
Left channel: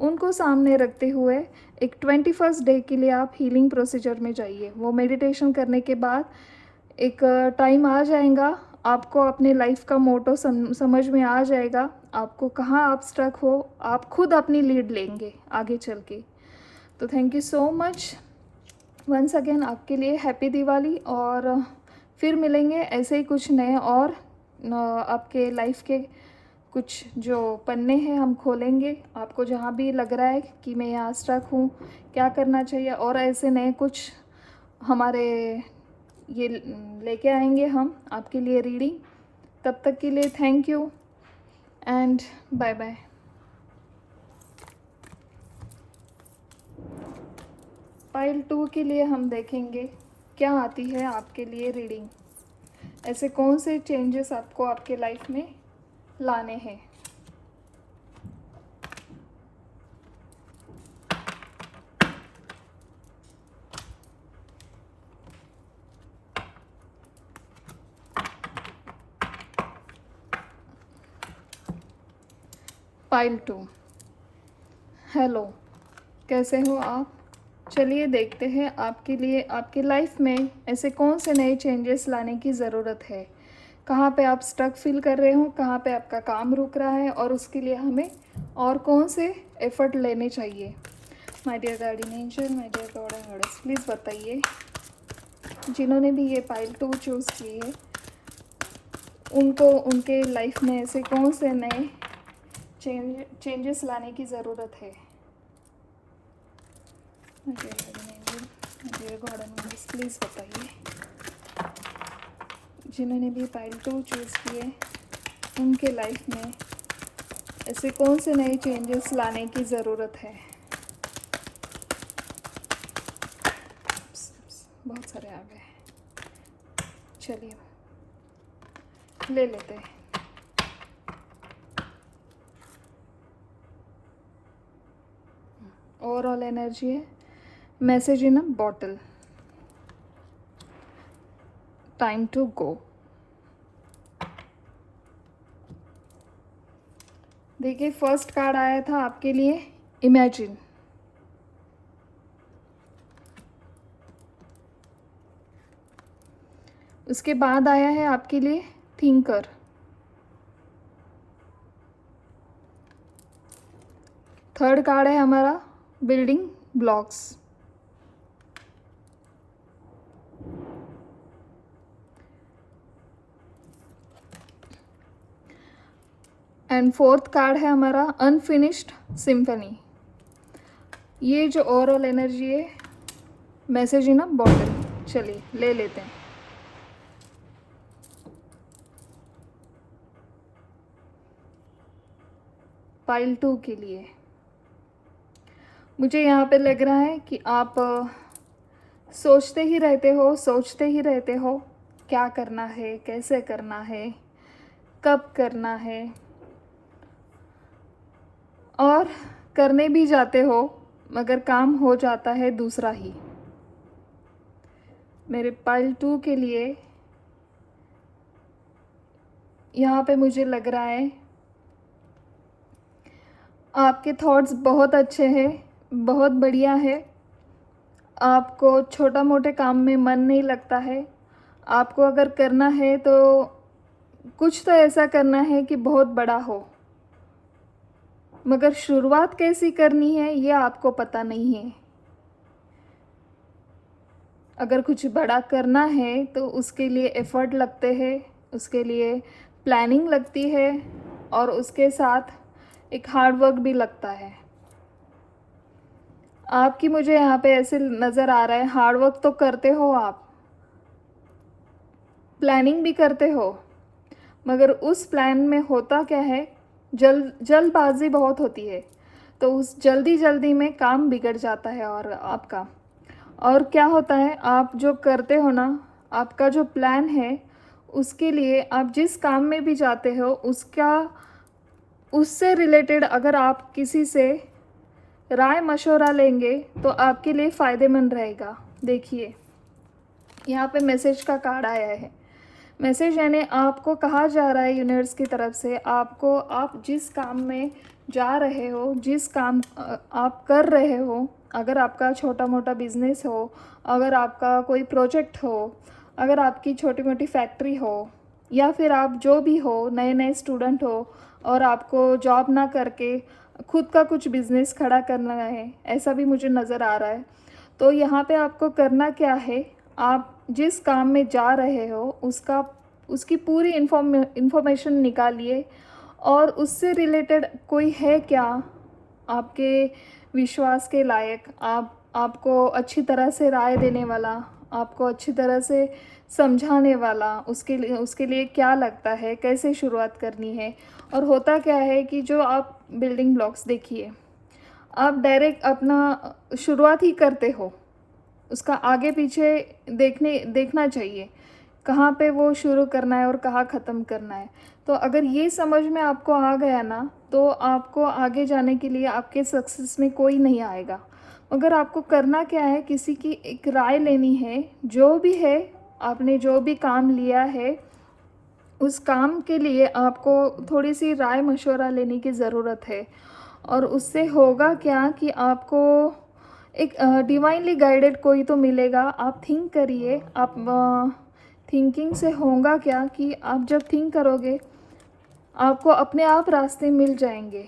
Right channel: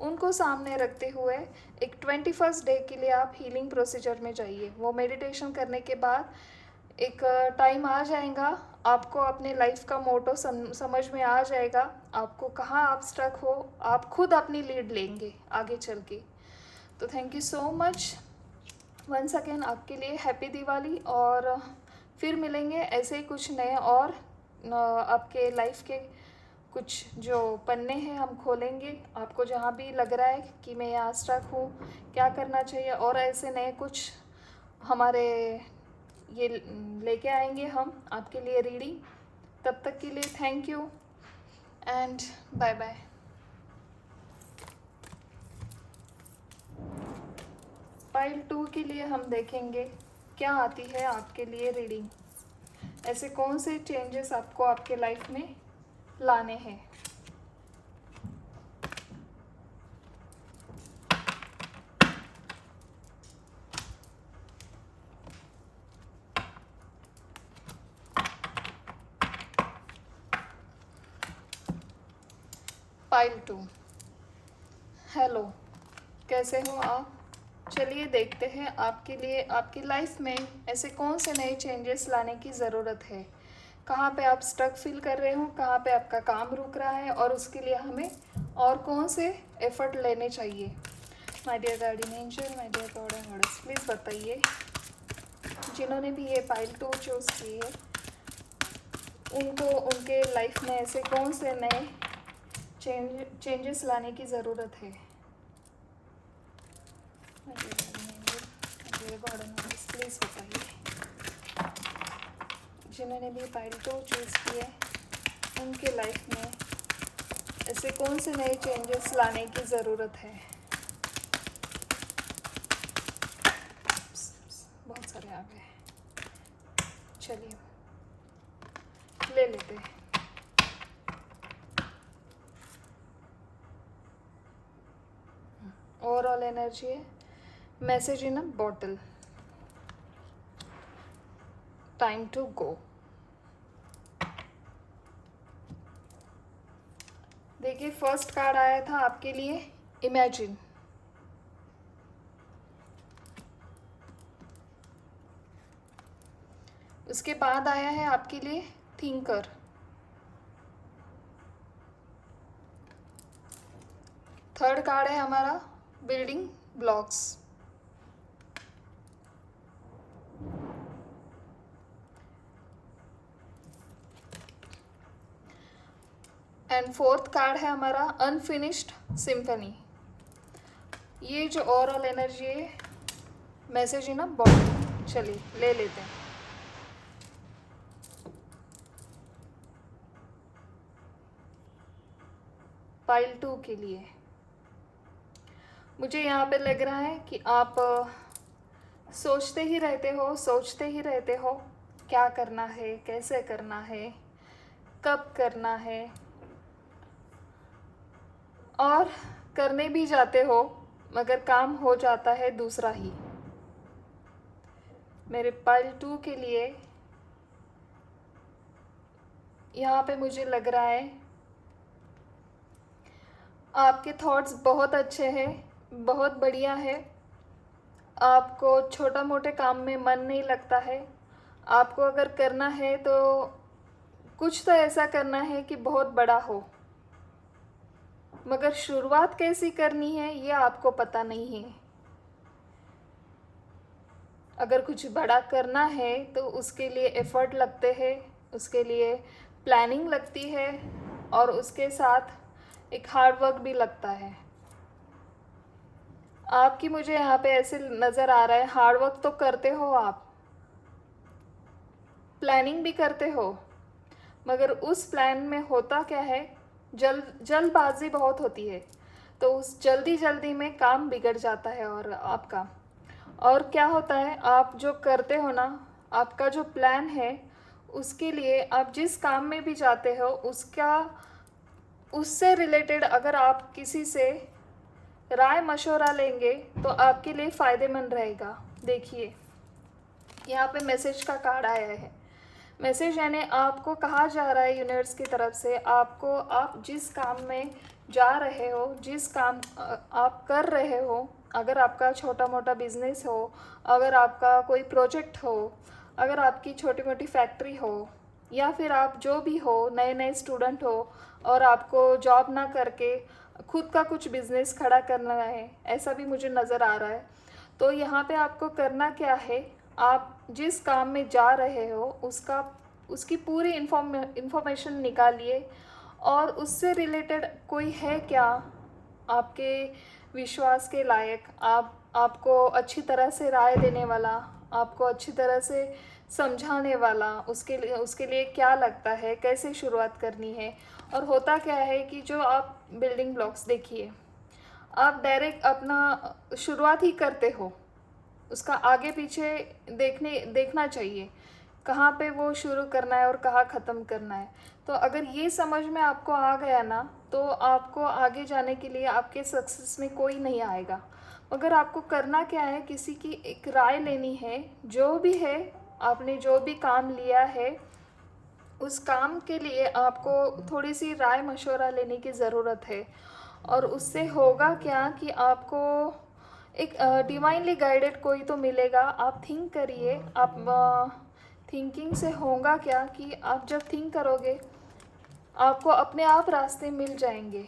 उनको सामने रखते हुए एक 21st डे के लिए आप हीलिंग प्रोसीजर में जाइए। वो मेडिटेशन करने के बाद एक टाइम आ जाएगा, आपको अपने लाइफ का मोटो समझ में आ जाएगा। आपको कहाँ आप स्ट्रक हो, आप खुद अपनी लीड लेंगे आगे चल के। तो thank you so much once again. आपके लिए हैप्पी दिवाली, और फिर मिलेंगे ऐसे ही कुछ नए और आपके लाइफ के कुछ जो पन्ने हैं हम खोलेंगे। आपको जहाँ भी लग रहा है कि मैं यहाँ स्ट्रक हूँ, क्या करना चाहिए, और ऐसे नए कुछ हमारे ये लेके आएंगे हम आपके लिए रीडिंग। तब तक के लिए thank you and bye bye. Pile 2 के लिए हम देखेंगे क्या आती है आपके लिए रीडिंग। ऐसे कौन से चेंजेस आपको आपके लाइफ में लाने हैं। पाइल 2, हेलो, कैसे हो आप। चलिए देखते हैं आपके लिए आपके लाइफ में ऐसे कौन से नए चेंजेस लाने की ज़रूरत है। कहाँ पे आप स्टक फील कर रहे हो, कहाँ पे आपका काम रुक रहा है, और उसके लिए हमें और कौन से एफर्ट लेने चाहिए। My dear guardian angel, my dear God and goddess, please बताइए जिन्होंने भी ये पाइल 2 चूज़ की है उनको उनके लाइफ में ऐसे कौन से नए चेंजेस लाने की ज़रूरत है। प्लीज़ बताइए जिन्होंने भी पाइल 2 चूज़ किए उनके लाइफ में ऐसे कौन से नए चेंजेस लाने की ज़रूरत है। बहुत सारे ले लेते हैं। ओवरऑल एनर्जी है, message in a bottle, time to go. देखिए फर्स्ट कार्ड आया था आपके लिए इमेजिन। उसके बाद आया है आपके लिए थिंकर। थर्ड कार्ड है हमारा building blocks. And fourth card है हमारा अनफिनिश्ड सिम्फनी। ये जो ओवरऑल एनर्जी है, मैसेज इन अ बॉटल। चलिए ले लेते हैं। पाइल 2 के लिए मुझे यहाँ पे लग रहा है कि आप सोचते ही रहते हो क्या करना है, कैसे करना है, कब करना है, और करने भी जाते हो मगर काम हो जाता है दूसरा ही। मेरे पाइल 2 के लिए यहाँ पे मुझे लग रहा है आपके थॉट्स बहुत अच्छे हैं, बहुत बढ़िया है। आपको छोटा मोटे काम में मन नहीं लगता है। आपको अगर करना है तो कुछ तो ऐसा करना है कि बहुत बड़ा हो, मगर शुरुआत कैसी करनी है ये आपको पता नहीं है। अगर कुछ बड़ा करना है तो उसके लिए एफर्ट लगते हैं, उसके लिए प्लानिंग लगती है, और उसके साथ एक हार्ड वर्क भी लगता है। आपकी मुझे यहाँ पे ऐसे नज़र आ रहा है, हार्ड वर्क तो करते हो आप, प्लानिंग भी करते हो, मगर उस प्लान में होता क्या है, जल्दबाजी बहुत होती है, तो उस जल्दी में काम बिगड़ जाता है। और आपका और क्या होता है, आप जो करते हो ना, आपका जो प्लान है उसके लिए आप जिस काम में भी जाते हो उससे रिलेटेड अगर आप किसी से राय मशवरा लेंगे तो आपके लिए फ़ायदेमंद रहेगा। देखिए यहाँ पे मैसेज का कार्ड आया है। मैसेज यानी आपको कहा जा रहा है यूनिवर्स की तरफ से, आप जिस काम में जा रहे हो, जिस काम आप कर रहे हो, अगर आपका छोटा मोटा बिजनेस हो, अगर आपका कोई प्रोजेक्ट हो, अगर आपकी छोटी मोटी फैक्ट्री हो, या फिर आप जो भी हो, नए स्टूडेंट हो और आपको जॉब ना करके खुद का कुछ बिजनेस खड़ा करना है, ऐसा भी मुझे नज़र आ रहा है। तो यहाँ पे आपको करना क्या है, आप जिस काम में जा रहे हो उसकी पूरी इन्फॉर्मेशन निकालिए, और उससे रिलेटेड कोई है क्या आपके विश्वास के लायक, आपको अच्छी तरह से राय देने वाला, आपको अच्छी तरह से समझाने वाला, उसके लिए क्या लगता है, कैसे शुरुआत करनी है। और होता क्या है कि जो आप बिल्डिंग ब्लॉक्स देखिए, आप डायरेक्ट अपना शुरुआत ही करते हो, उसका आगे पीछे देखना चाहिए कहाँ पे वो शुरू करना है और कहाँ ख़त्म करना है। तो अगर ये समझ में आपको आ गया ना, तो आपको आगे जाने के लिए आपके सक्सेस में कोई नहीं आएगा। मगर आपको करना क्या है, किसी की एक राय लेनी है, जो भी है, आपने जो भी काम लिया है उस काम के लिए आपको थोड़ी सी राय मशवरा लेने की ज़रूरत है। और उससे होगा क्या कि आपको एक डिवाइनली गाइडेड कोई तो मिलेगा। आप थिंक करिए, आप थिंकिंग से होगा क्या कि आप जब थिंक करोगे आपको अपने आप रास्ते मिल जाएंगे।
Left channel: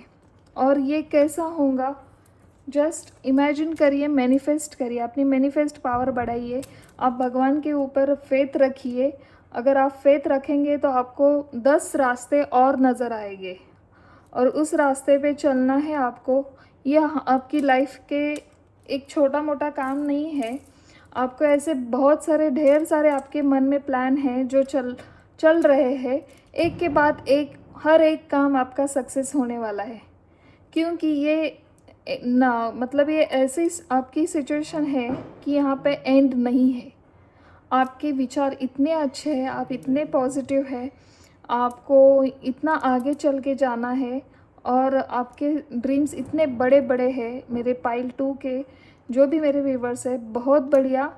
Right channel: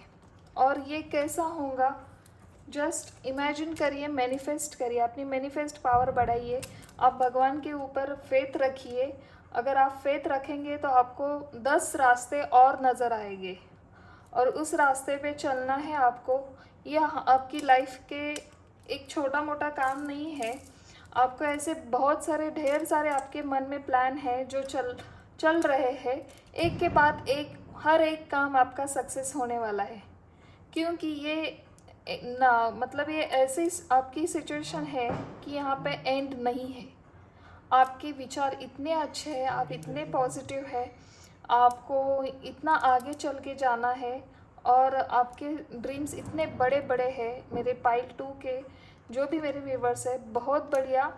और ये कैसा होगा, जस्ट इमेजिन करिए, मैनिफेस्ट करिए, अपनी मैनिफेस्ट पावर बढ़ाइए, आप भगवान के ऊपर फेथ रखिए। अगर आप फेथ रखेंगे तो आपको 10 रास्ते और नज़र आएंगे, और उस रास्ते पे चलना है आपको। यह आपकी लाइफ के एक छोटा मोटा काम नहीं है, आपको ऐसे बहुत सारे ढेर सारे आपके मन में प्लान हैं जो चल रहे हैं, एक के बाद एक, हर एक काम आपका सक्सेस होने वाला है। क्योंकि ये ना, मतलब ये ऐसी आपकी सिचुएशन है कि यहाँ पे एंड नहीं है। आपके विचार इतने अच्छे हैं, आप इतने पॉजिटिव हैं, आपको इतना आगे चल के जाना है और आपके ड्रीम्स इतने बड़े बड़े हैं मेरे पाइल 2 के, जो भी मेरे व्यूवर्स है, बहुत बढ़िया।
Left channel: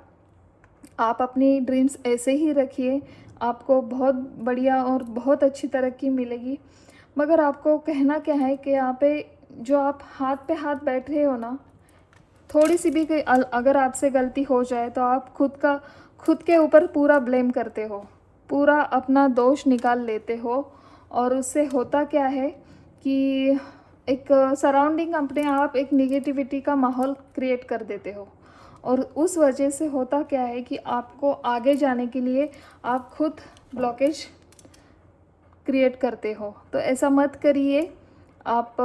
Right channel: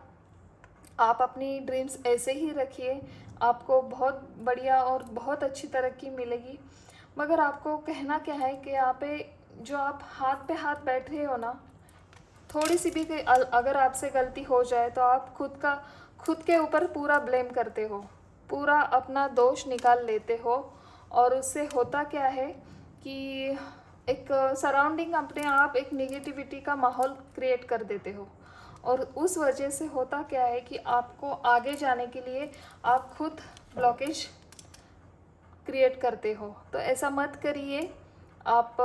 आप अपनी ड्रीम्स ऐसे ही रखिए, आपको बहुत बढ़िया और बहुत अच्छी तरक्की मिलेगी। मगर आपको कहना क्या है कि यहाँ पे जो आप हाथ पे हाथ बैठ रहे हो ना, थोड़ी सी भी अगर आपसे गलती हो जाए तो आप खुद के ऊपर पूरा ब्लेम करते हो, पूरा अपना दोष निकाल लेते हो। और उससे होता क्या है कि एक सराउंडिंग अपने आप एक निगेटिविटी का माहौल क्रिएट कर देते हो, और उस वजह से होता क्या है कि आपको आगे जाने के लिए आप खुद ब्लॉकेज क्रिएट करते हो। तो ऐसा मत करिए, आप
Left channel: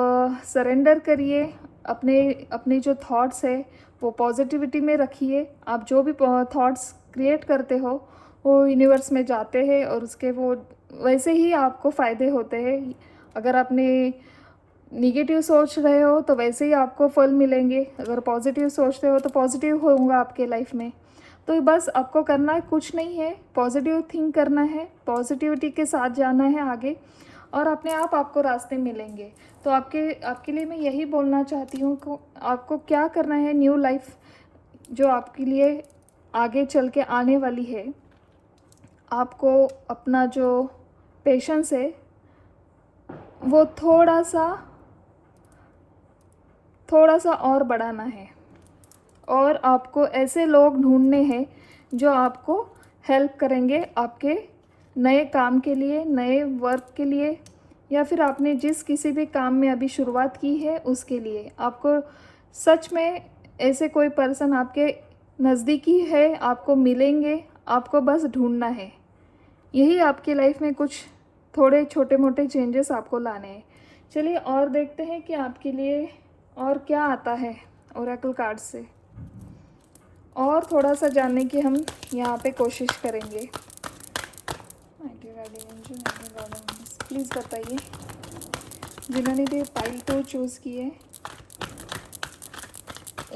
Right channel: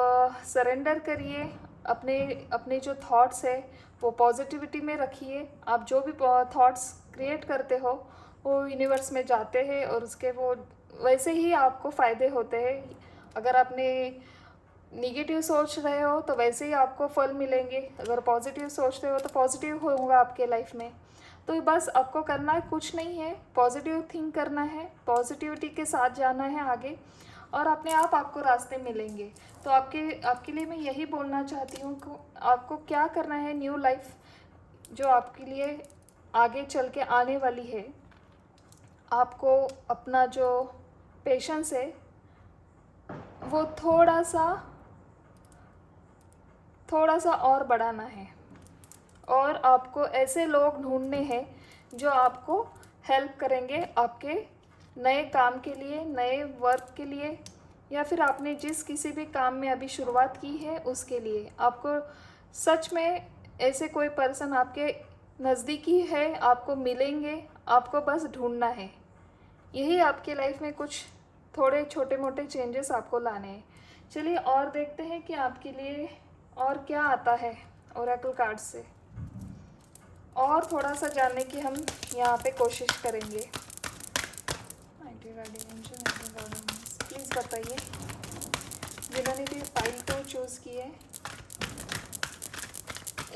सरेंडर करिए, अपने अपने जो थॉट्स है वो पॉजिटिविटी में रखिए। आप जो भी थॉट्स क्रिएट करते हो वो यूनिवर्स में जाते हैं और उसके वो वैसे ही आपको फ़ायदे होते हैं। अगर आपने निगेटिव सोच रहे हो तो वैसे ही आपको फल मिलेंगे, अगर पॉजिटिव सोचते हो तो पॉजिटिव होगा आपके लाइफ में। तो बस आपको करना है कुछ नहीं है, पॉजिटिव थिंक करना है, पॉजिटिविटी के साथ जाना है आगे, और अपने आप आपको रास्ते मिलेंगे। तो आपके लिए मैं यही बोलना चाहती हूँ कि आपको क्या करना है, न्यू लाइफ जो आपके लिए आगे चल के आने वाली है, आपको अपना जो पेशेंस है वो थोड़ा सा और बढ़ाना है, और आपको ऐसे लोग ढूंढने हैं जो आपको हेल्प करेंगे आपके नए काम के लिए, नए वर्क के लिए, या फिर आपने जिस किसी भी काम में अभी शुरुआत की है उसके लिए। आपको सच में ऐसे कोई पर्सन आपके नज़दीकी है, आपको मिलेंगे, आपको बस ढूंढना है। यही आपकी लाइफ में कुछ थोड़े छोटे मोटे चेंजेस आपको लाने हैं। चलिए और देखते हैं कि आपके लिए और क्या आता है ओरेकल कार्ड से, और थोड़ा सा जानने की हम यहाँ पे कोशिश करेंगे। प्लीज़ बताइए, जिन्होंने भी पाइल 2 चूज़ किए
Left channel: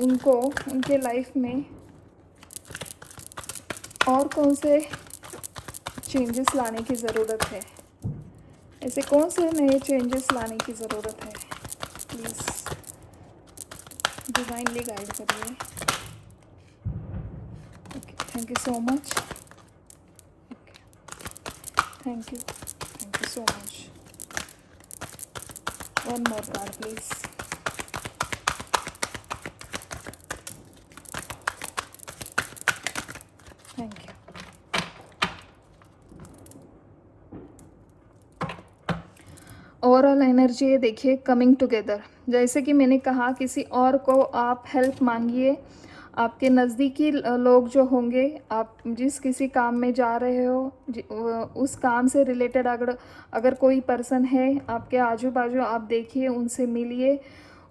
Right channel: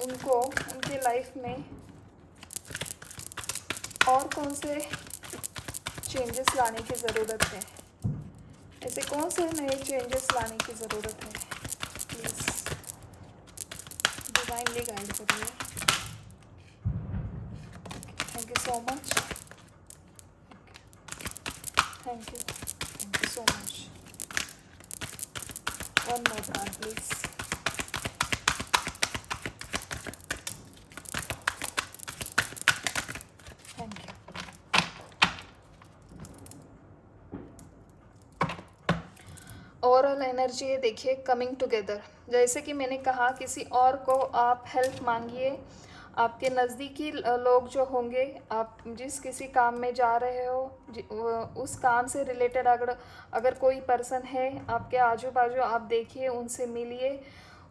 उनको उनके लाइफ में और कौन से चेंजेस लाने की ज़रूरत है, ऐसे कौन से नए चेंजेस लाने की ज़रूरत है। प्लीज़ डिवाइनली गाइड करिए। Thank you so much. Thank you so much. One more card please. Thank you. Overall energy है, देखिए, कमिंग टुगेदर। जैसे कि मैंने कहा, किसी और को आप हेल्प मांगिए। आपके नज़दीकी लोग जो होंगे, आप जिस किसी काम में जा रहे हो, उस काम से रिलेटेड अगर कोई पर्सन है आपके आजू बाजू, आप देखिए, उनसे मिलिए,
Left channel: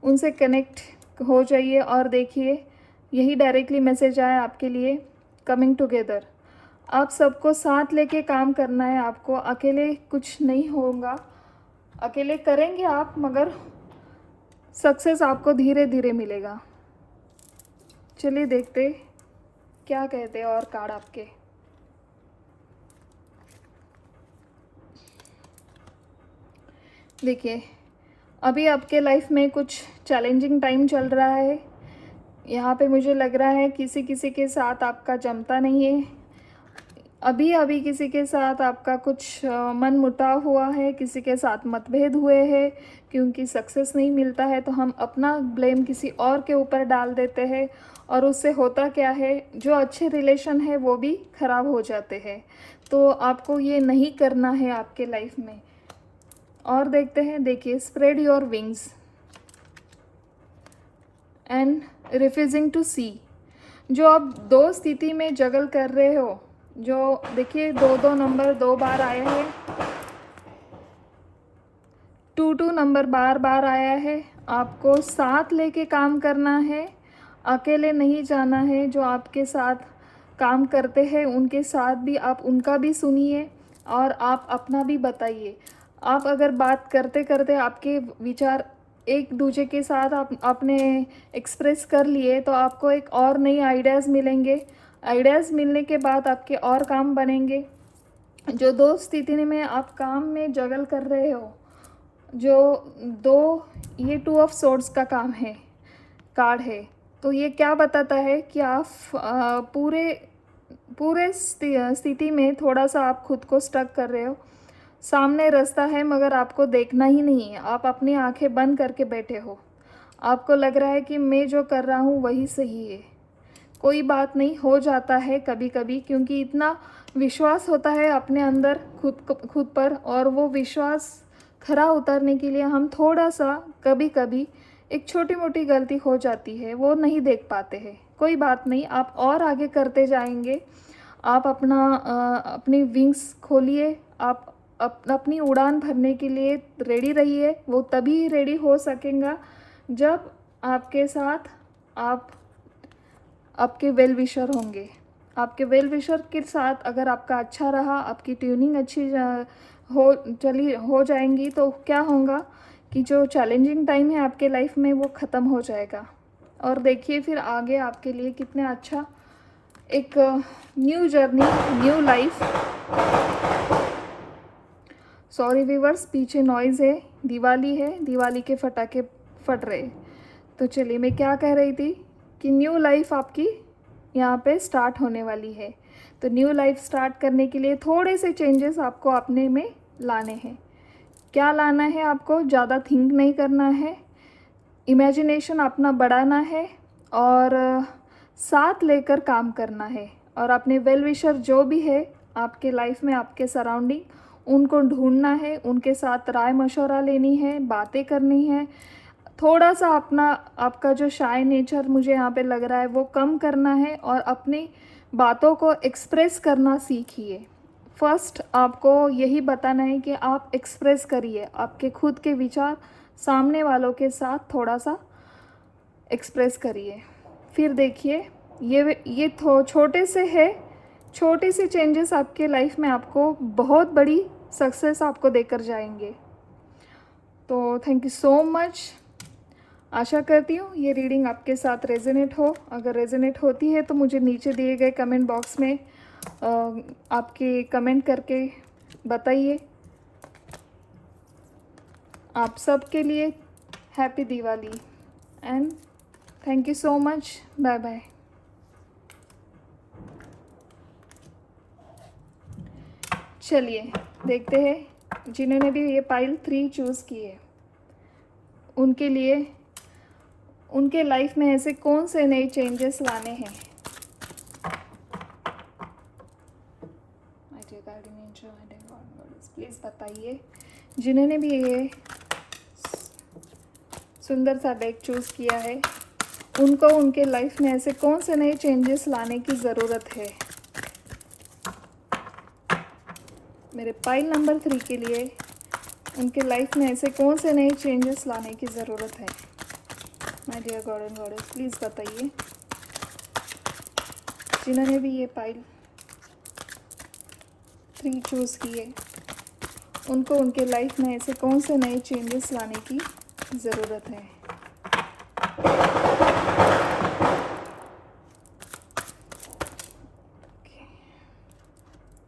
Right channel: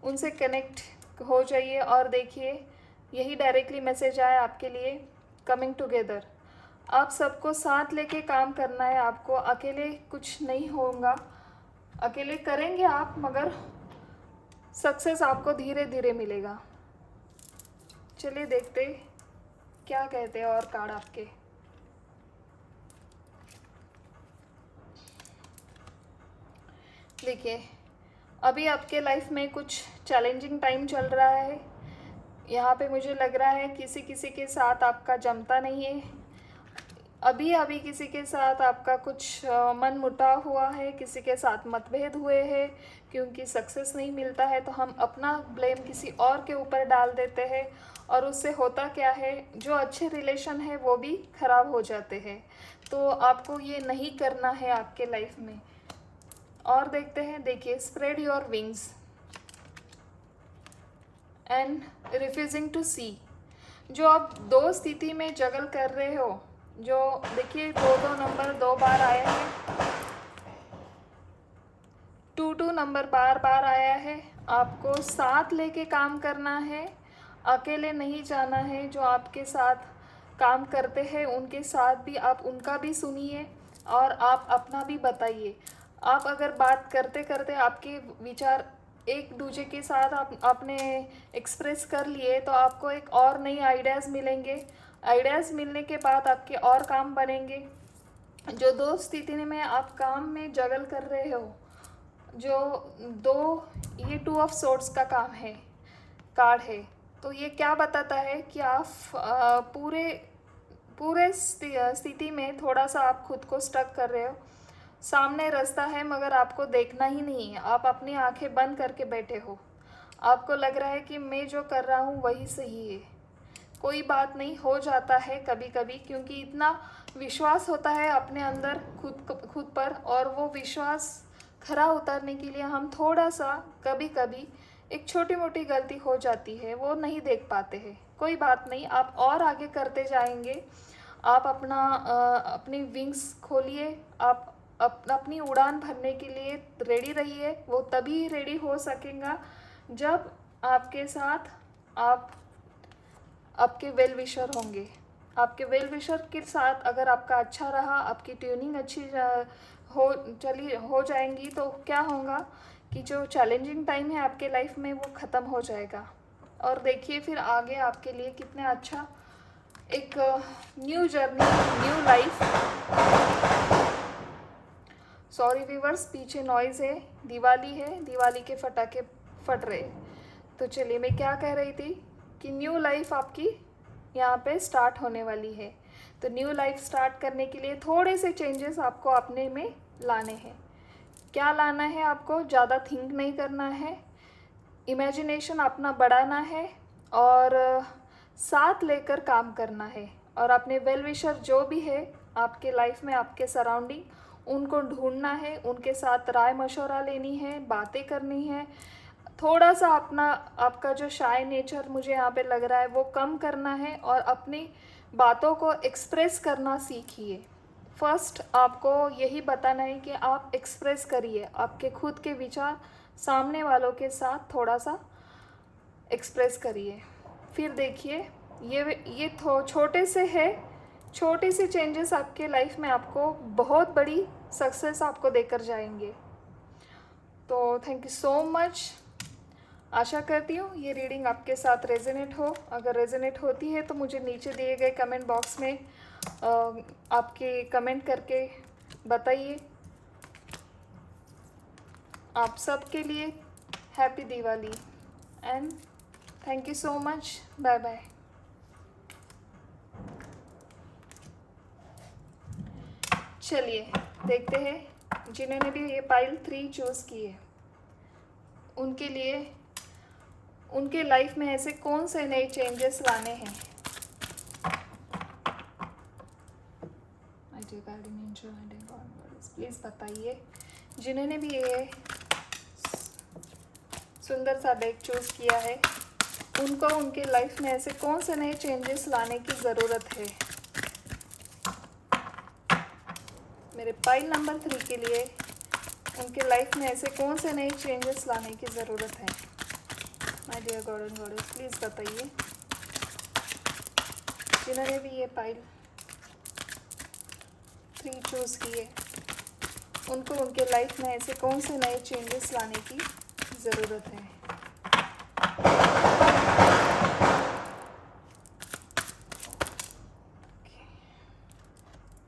उनसे कनेक्ट हो जाइए, और देखिए यही डायरेक्टली मैसेज आया आपके लिए, कमिंग टुगेदर। आप सबको साथ लेके काम करना है, आपको अकेले कुछ नहीं होगा। अकेले करेंगे आप, मगर सक्सेस आपको धीरे धीरे मिलेगा। चलिए देखते क्या कहते हैं और कार्ड आपके। देखिए, अभी आपके लाइफ में कुछ चैलेंजिंग टाइम चल रहा है। यहाँ पे मुझे लग रहा है किसी के साथ आपका जमता नहीं है। अभी किसी के साथ आपका कुछ मन मुटाव हुआ है, किसी के साथ मतभेद हुए हैं, क्योंकि सक्सेस नहीं मिलता है तो हम अपना ब्लेम किसी और के ऊपर डाल देते हैं, और उससे होता क्या है, जो अच्छे रिलेशन है वो भी ख़राब हो जाते हैं। तो आपको ये नहीं करना है आपके लाइफ में। और देखते हैं, देखिए, spread your wings and refusing to see. जो आप दो स्थिति में जगल कर रहे हो, जो देखिए 2 नंबर 2 बार आया है, 2 नंबर बार आया है। आपको साथ लेके काम करना है, अकेले नहीं जाना है। जो आपके साथ काम करते हैं उनके साथ भी आप उनका भी सुनिए, और आप अपना भी बताइए। आप अगर बात करते करते आपके विचार एक दूसरे के साथ आपने एक्सप्रेस कर लिए, तो आपको एक और नई आइडियाज़ मिलेंगे। आइडियाज़ मिलने के बाद आपके और काम बनेंगे। जो दो स्थिति में आप काम में जगल कर रहे हो, जो दो, ये टू ऑफ सोर्ड्स का काम है, कार्ड है। तो ये क्या बताता है कि आप पूरे पूरे स्थिति में थोड़ा सा आप खुद को स्टक कर रहे हो। सामने रास्ता है मगर आपको देखना ही नहीं है, आप अपनी आंखें बंद करके बैठे हो। आपको लग रहा है कि मैं जो कर रहा हूँ वही सही है। कोई बात नहीं, हो जाता है कभी कभी, क्योंकि इतना विश्वास होता है अपने अंदर खुद पर, और वो विश्वास खरा उतारने के लिए हम थोड़ा सा कभी कभी एक छोटी मोटी गलती हो जाती है, वो नहीं देख पाते हैं। कोई बात नहीं, आप और आगे करते जाएंगे। आप अपनी विंग्स खोलिए, आप अपनी उड़ान भरने के लिए रेडी रहिए। वो तभी रेडी हो सकेगा जब आपके साथ आपके वेल विशर होंगे। आपके वेल विशर के साथ अगर आपका अच्छा रहा, आपकी ट्यूनिंग अच्छी हो जाएंगी, तो क्या होगा कि जो चैलेंजिंग टाइम है आपके लाइफ में वो ख़त्म हो जाएगा। और देखिए फिर आगे आपके लिए कितना अच्छा एक new journey, new life. Sorry viewers, पीछे नॉइज़ है, दिवाली है, दिवाली के फटाके फट रहे। तो चलिए, मैं क्या कह रही थी कि न्यू लाइफ आपकी यहाँ पे स्टार्ट होने वाली है। तो न्यू लाइफ स्टार्ट करने के लिए थोड़े से चेंजेस आपको अपने में लाने हैं। क्या लाना है आपको? ज़्यादा थिंक नहीं करना है, इमेजिनेशन अपना बढ़ाना है, और साथ लेकर काम करना है। और अपने वेल विशर जो भी है आपके लाइफ में, आपके सराउंडिंग, उनको ढूंढना है, उनके साथ राय मशवरा लेनी है, बातें करनी है। थोड़ा सा आपका जो शाय नेचर मुझे यहाँ पे लग रहा है वो कम करना है, और अपनी बातों को एक्सप्रेस करना सीखिए। फर्स्ट आपको यही बताना है कि आप एक्सप्रेस करिए आपके खुद के विचार, सामने वालों के साथ थोड़ा सा एक्सप्रेस करिए। फिर देखिए, ये छोटे से है, छोटे से चेंजेस आपके लाइफ में आपको बहुत बड़ी सक्सेस आपको देकर जाएंगे। तो थैंक यू सो मच। आशा करती हूँ ये रीडिंग आपके साथ रेजोनेट हो। अगर रेजोनेट होती है तो मुझे नीचे दिए गए कमेंट बॉक्स में आपके कमेंट करके बताइए। आप सबके लिए happy Diwali and thank you so much. Bye bye. चलिए देखते हैं जिन्होंने भी ये पाइल 3 चूज़ की है उनके लिए, उनके लाइफ में ऐसे कौन से नए चेंजेस लाने हैं। प्लीज़ बताइए, जिन्होंने भी ये सुंदर सा डेक चूज़ किया है उनको उनके लाइफ में ऐसे कौन से नए चेंजेस लाने की ज़रूरत है। मेरे पाइल नंबर 3 के लिए उनके लाइफ में ऐसे कौन से नए चेंजेस लाने की ज़रूरत है। My dear God and goddess, please बताइए, जिन्होंने भी ये पाइल 3 चूज़ किए उनको उनके लाइफ में ऐसे कौन से नए चेंजेस लाने की ज़रूरत है।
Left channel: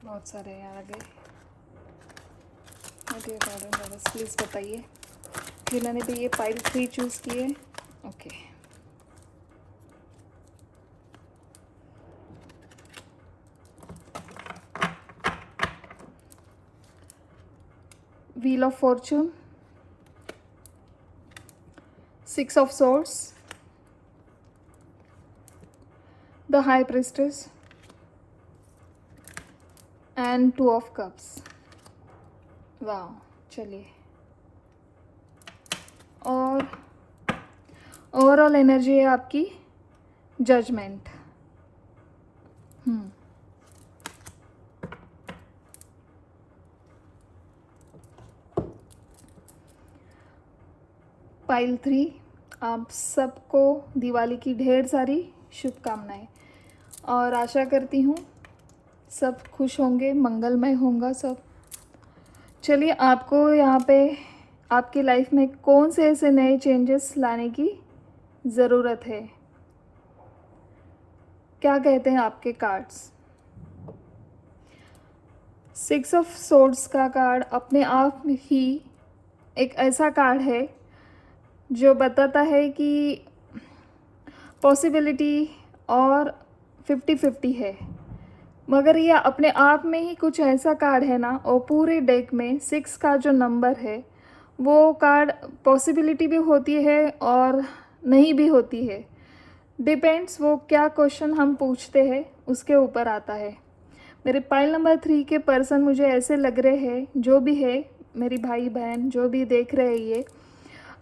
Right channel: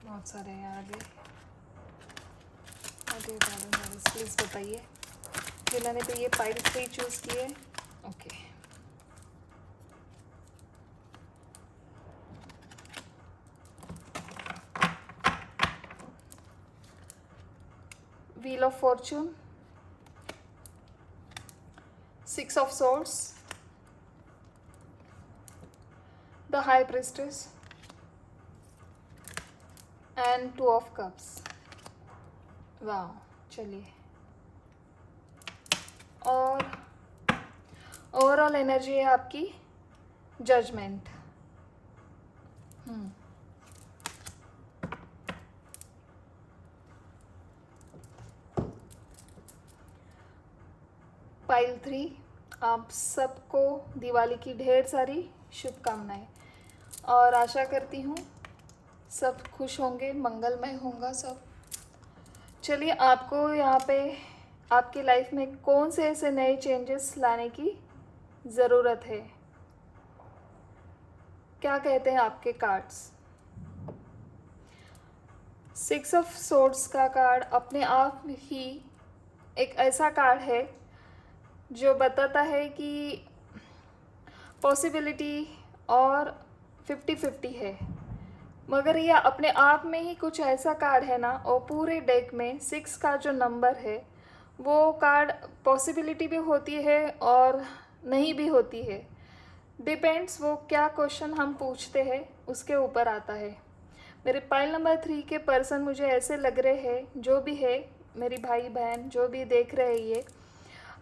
बहुत सारे आ गए। प्लीज़ बताइए, जिन्होंने भी ये पाइल 3 चूज़ किए। Okay, wheel of Fortune, 6 of swords, the high priestess and 2 of cups. वाह, चलिए, और ओवरऑल एनर्जी है आपकी जजमेंट। पाइल 3, आप सबको दिवाली की ढेर सारी शुभकामनाएं, और आशा करती हूँ सब खुश होंगे, मंगलमय होगा सब। चलिए, आपको यहाँ पे आपकी लाइफ में कौन से ऐसे नए चेंजेस लाने की ज़रूरत है, क्या कहते हैं आपके कार्ड्स। सिक्स ऑफ सोर्ड्स का कार्ड अपने आप में ही एक ऐसा कार्ड है जो बताता है कि पॉसिबिलिटी और 50-50 है, मगर यह अपने आप में ही कुछ ऐसा कार्ड है ना, और पूरे डेक में 6 का जो नंबर है वो कार्ड पॉसिबिलिटी भी होती है और नहीं भी होती है। डिपेंड्स वो क्या क्वेश्चन हम पूछते हैं उसके ऊपर आता है। मेरे पाइल नंबर 3 के पर्सन मुझे ऐसे लग रहे हैं, जो भी है मेरी भाई बहन जो भी देख रहे हैं, ये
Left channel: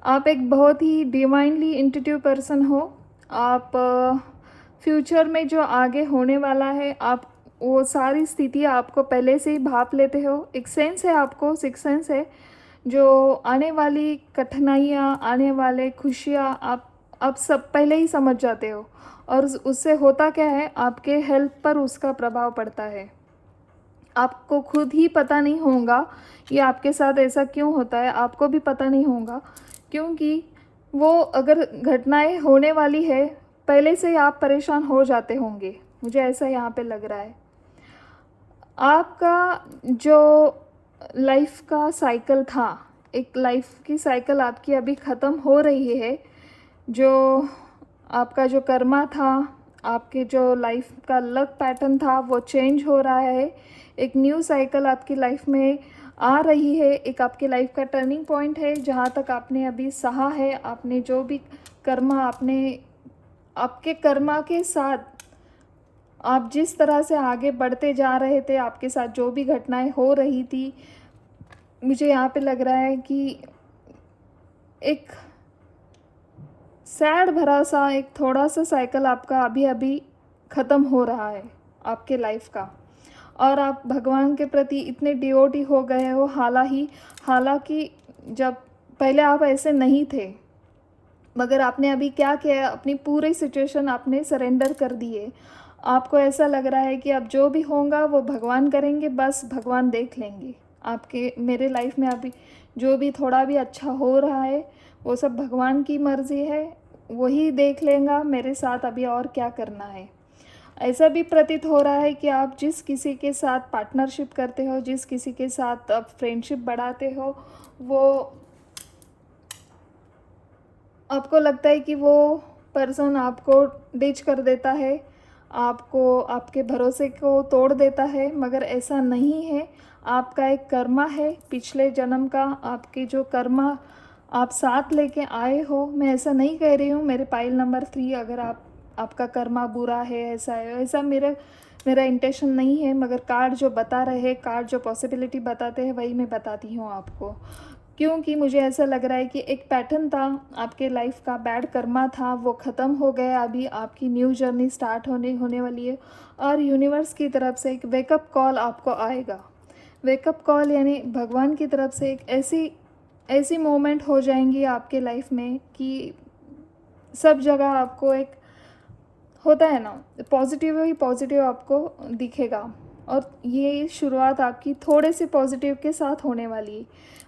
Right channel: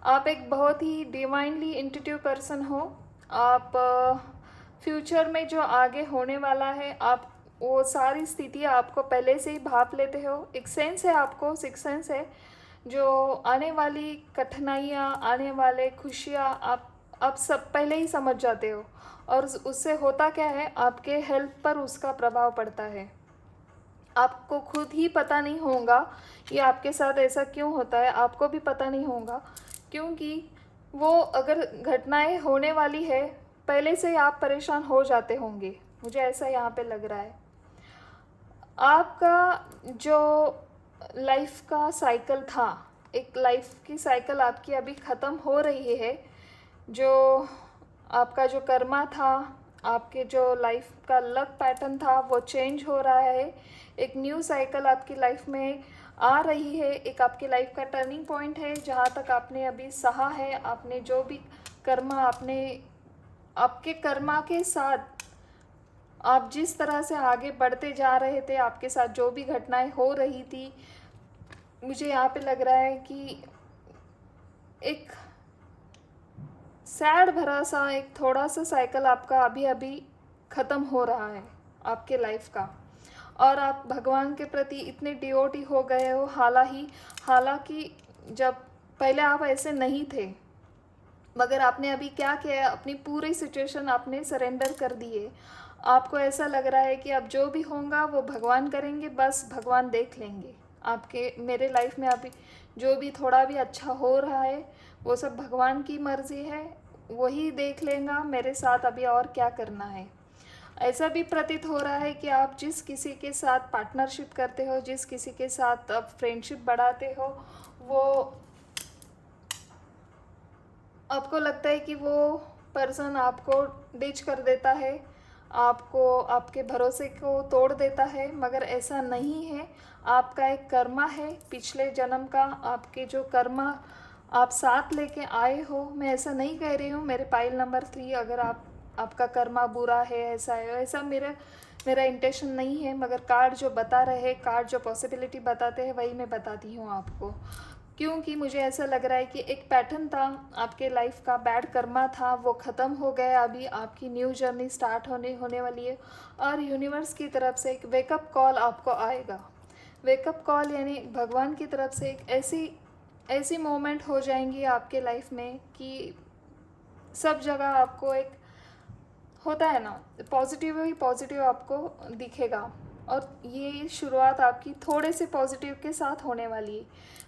आप एक बहुत ही डिवाइनली इंट्यूटिव पर्सन हो। आप फ्यूचर में जो आगे होने वाला है, आप वो सारी स्थिति आपको पहले से ही भाप लेते हो। एक सेंस है आपको, सिक्स सेंस है, जो आने वाली कठिनाइयाँ, आने वाले खुशियाँ आप सब पहले ही समझ जाते हो। और उससे होता क्या है, आपके हेल्थ पर उसका प्रभाव पड़ता है। आपको खुद ही पता नहीं होगा ये आपके साथ ऐसा क्यों होता है, आपको भी पता नहीं होगा, क्योंकि वो अगर घटनाएं होने वाली है पहले से ही आप परेशान हो जाते होंगे। मुझे ऐसा यहाँ पे लग रहा है। आपका जो लाइफ का साइकिल था, एक लाइफ की साइकिल आपकी अभी ख़त्म हो रही है। जो आपका जो कर्मा था, आपके जो लाइफ का लक पैटर्न था, वो चेंज हो रहा है। एक न्यू साइकिल आपकी लाइफ में आ रही है। एक आपकी लाइफ का टर्निंग पॉइंट है, जहाँ तक आपने अभी सहा है, आपने जो भी कर्मा, आपके कर्मा के साथ आप जिस तरह से आगे बढ़ते जा रहे थे, आपके साथ जो भी घटनाएं हो रही थी, मुझे यहाँ पे लग रहा है कि एक सैड भरा सा एक थोड़ा सा साइकिल आपका अभी अभी ख़त्म हो रहा है आपके लाइफ का। और आप भगवान के प्रति इतने डिवोटी हो गए हो। हालांकि जब पहले आप ऐसे नहीं थे, मगर आपने अभी क्या किया, अपनी पूरी सिचुएशन आपने सरेंडर कर दी है। आपको ऐसा लग रहा है कि अब जो भी होगा वो भगवान करेंगे, बस भगवान देख लेंगे। आपके मेरे लाइफ में अभी जो भी थोड़ा भी अच्छा हो रहा है वो सब भगवान की मर्ज़ी है, वही देख लेगा मेरे साथ अभी और क्या करना है। ऐसा भी प्रतीत हो रहा है कि आप जिस किसी के साथ पार्टनरशिप करते हो, जिस किसी के साथ आप फ्रेंडशिप बढ़ाते हो, वो आपको लगता है कि वो पर्सन आपको डिच कर देता है, आपको आपके भरोसे को तोड़ देता है, मगर ऐसा नहीं है। आपका एक कर्मा है पिछले जन्म का, आपके जो कर्मा आप साथ लेके आए हो। मैं ऐसा नहीं कह रही हूँ मेरे पाइल नंबर 3 अगर आपका कर्मा बुरा है, ऐसा मेरा इंटेंशन नहीं है, मगर कार्ड जो बता रहे हैं, कार्ड जो पॉसिबिलिटी बताते हैं, वही मैं बताती हूँ आपको। क्योंकि मुझे ऐसा लग रहा है कि एक पैटर्न था आपके लाइफ का, बैड कर्मा था, वो ख़त्म हो गया। अभी आपकी न्यू जर्नी स्टार्ट होने वाली है, और यूनिवर्स की तरफ से एक वेकअप कॉल आपको आएगा। वेकअप कॉल यानी भगवान की तरफ से एक ऐसी मोमेंट हो जाएंगी आपके लाइफ में कि सब जगह आपको एक होता है ना, पॉजिटिव ही पॉजिटिव आपको दिखेगा। और ये शुरुआत आपकी थोड़े से पॉजिटिव के साथ होने वाली है,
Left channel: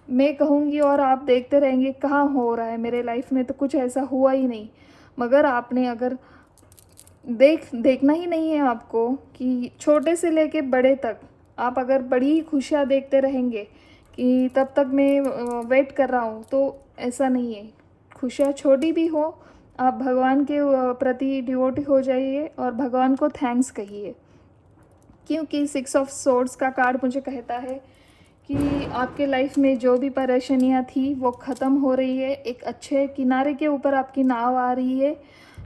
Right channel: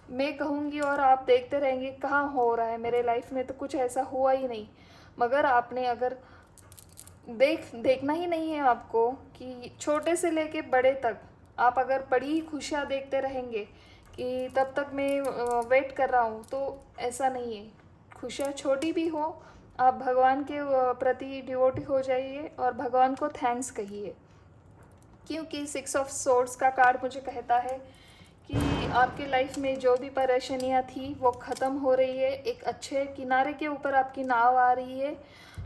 मैं कहूँगी। और आप देखते रहेंगे कहाँ हो रहा है, मेरे लाइफ में तो कुछ ऐसा हुआ ही नहीं, मगर आपने अगर देखना ही नहीं है आपको कि छोटे से लेके बड़े तक आप अगर बड़ी खुशियाँ देखते रहेंगे कि तब तक मैं वेट कर रहा हूँ, तो ऐसा नहीं है। खुशियाँ छोटी भी हो, आप भगवान के प्रति डिवोटी हो जाइए और भगवान को थैंक्स कहिए। क्योंकि 6 ऑफ सोर्ड्स का कार्ड मुझे कहता है कि आपके लाइफ में जो भी परेशानियाँ थी वो ख़त्म हो रही है। एक अच्छे किनारे के ऊपर आपकी नाव आ रही है।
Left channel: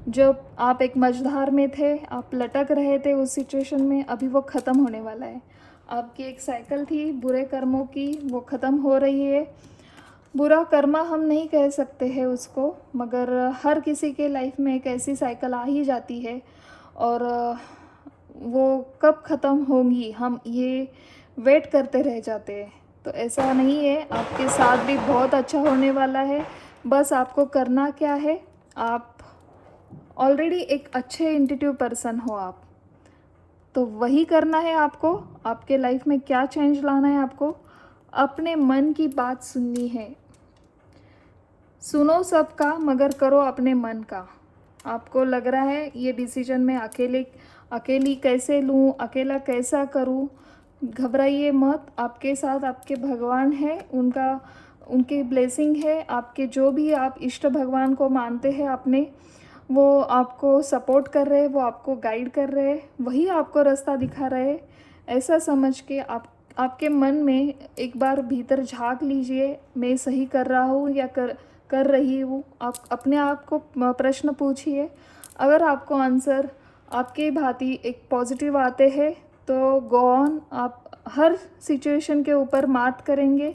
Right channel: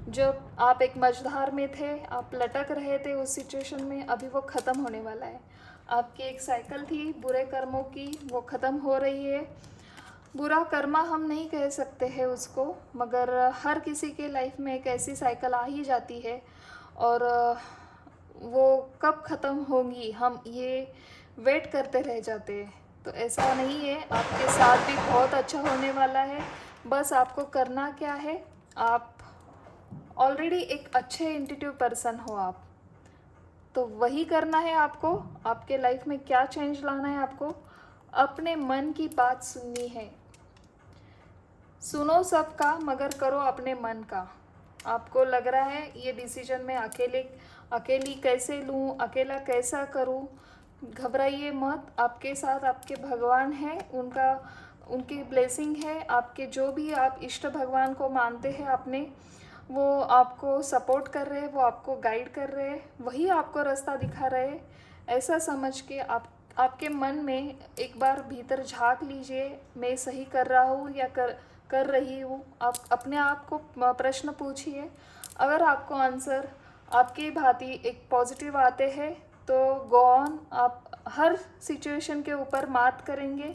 जब आप एक मझधार में थे, आप लटक रहे थे उस सिचुएशन में, अभी वो ख़त्म होने वाला है। आपकी एक साइकिल थी बुरे कर्मों की, वो ख़त्म हो रही है। बुरा कर्मा हम नहीं कह सकते हैं उसको, मगर हर किसी के लाइफ में एक ऐसी साइकिल आ ही जाती है, और वो कब ख़त्म होंगी हम ये वेट करते रह जाते हैं। तो ऐसा नहीं है, आपके साथ भी बहुत अच्छा होने वाला है। बस आपको करना क्या है, आप ऑलरेडी एक अच्छे इंट्यूटिव पर्सन हो आप, तो वही करना है आपको। आपके लाइफ में क्या चेंज लाना है, आपको अपने मन की बात सुननी है। सुनो सबका मगर करो अपने मन का। आपको लग रहा है ये डिसीजन मैं अकेली कैसे लूँ, अकेला कैसा करूँ, घबराइए मत, आपके साथ आपके भगवान है, उनके ब्लेसिंग है। आपके जो भी आप इष्ट भगवान को मानते हैं आपने, वो आपको सपोर्ट कर रहे हैं, वो आपको गाइड कर रहे हैं, वही आपको रास्ता दिखा रहे हैं। ऐसा समझ के आपके मन में एक बार भीतर झांक लीजिए, मैं सही कर रहा हूँ या कर रही हूँ। आप अपने आप को प्रश्न पूछिए। अगर आपको आंसर आपके भांति एक पॉजिटिव आते हैं तो गो ऑन, आप हर सिचुएशन के ऊपर मात करेंगे,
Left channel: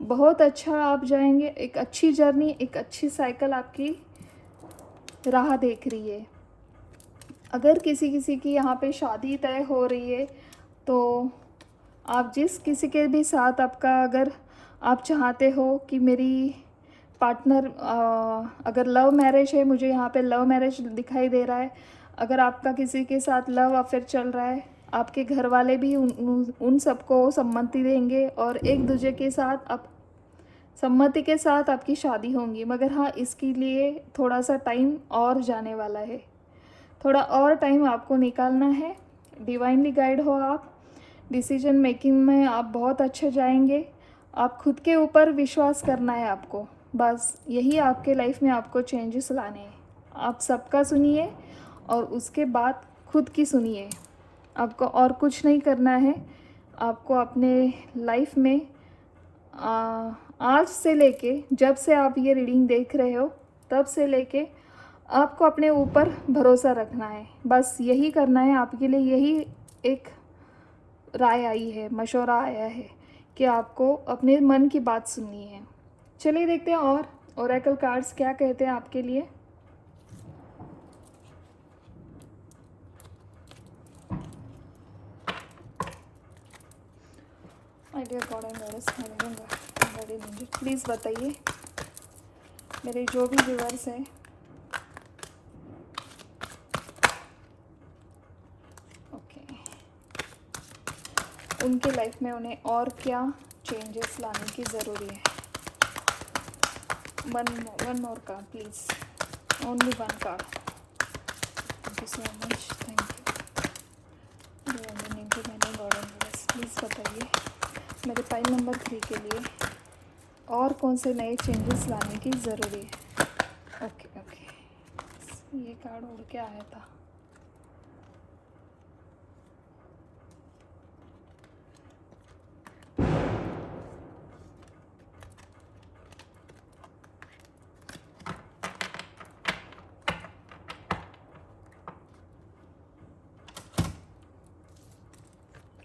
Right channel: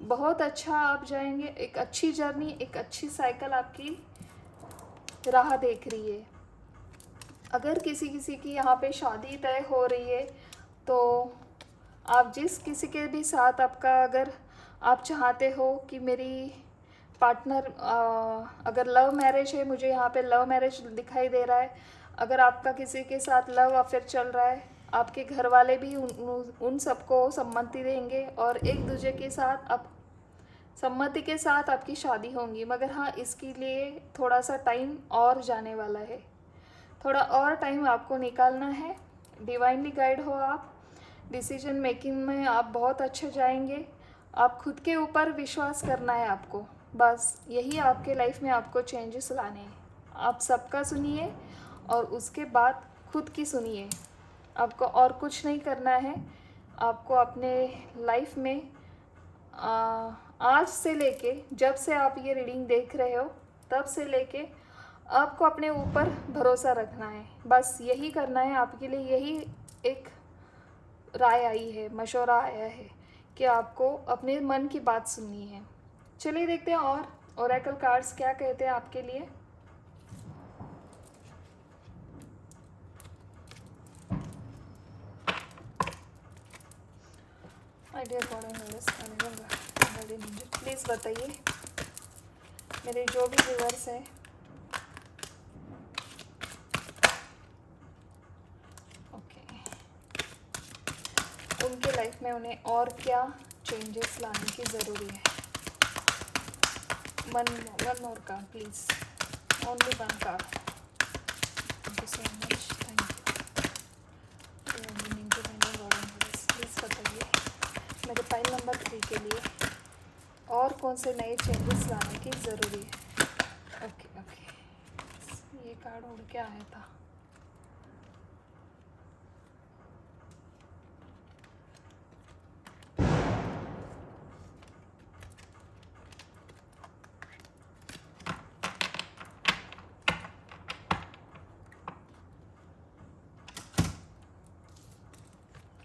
बहुत अच्छा आप जाएंगे। एक अच्छी जर्नी, एक अच्छी साइकिल आपकी राह देख रही है। अगर किसी की यहाँ पे शादी तय हो रही है तो आप जिस किसी के भी साथ आपका, अगर आप चाहते हो कि मेरी पार्टनर, अगर लव मैरिज है, मुझे यहाँ पे लव मैरिज दिखाई दे रहा है। अगर आपका किसी के साथ लव अफेयर चल रहा है, आपके घर वाले भी उन सबको सम्मति देंगे और एक दूसरे के साथ आप सम्मति के साथ आपकी शादी होंगी। मगर हाँ, इसके लिए थोड़ा सा टाइम और जाने वाला है, थोड़ा और टाइम आपको निकालना है। डिवाइनली गाइड हो आप, डिसीजन मेकिंग में आप बहुत अच्छे जाएंगे। आप खुद के ऊपर विश्वास करना है आपको, बस यही आपके लाइफ में आपको चेंजेस लाने हैं। आप सबका सुनिए और उसके बाद खुद की सुनिए। आपको और कुछ नहीं करना है। आपको अपने लाइफ में आज से लेके, जब से आप ये रीडिंग देख रहे हो तब से लेके आपको अपने ऊपर भरोसा रखना है, बस यही करना है। आपके लिए यही एक राय आई है, मशवरा आया है कि आपको अपने मन की बात सुननी है। चलिए देखते हैं और ओरेकल कार्ड्स क्या कहते हैं आपके लिए। प्लीज़ बताइए मेरे जो भी व्यूअर्स हैं, उनकी लाइफ में उन्हें और क्या चेंजेस लाने की ज़रूरी है। One more card please, only one card. Please बताइए मेरे पाइल नंबर 3 के लिए और कौन से नए चेंजेस लाने की ज़रूरी है। ओके ओके, ये कार्ड उड़ के आया था।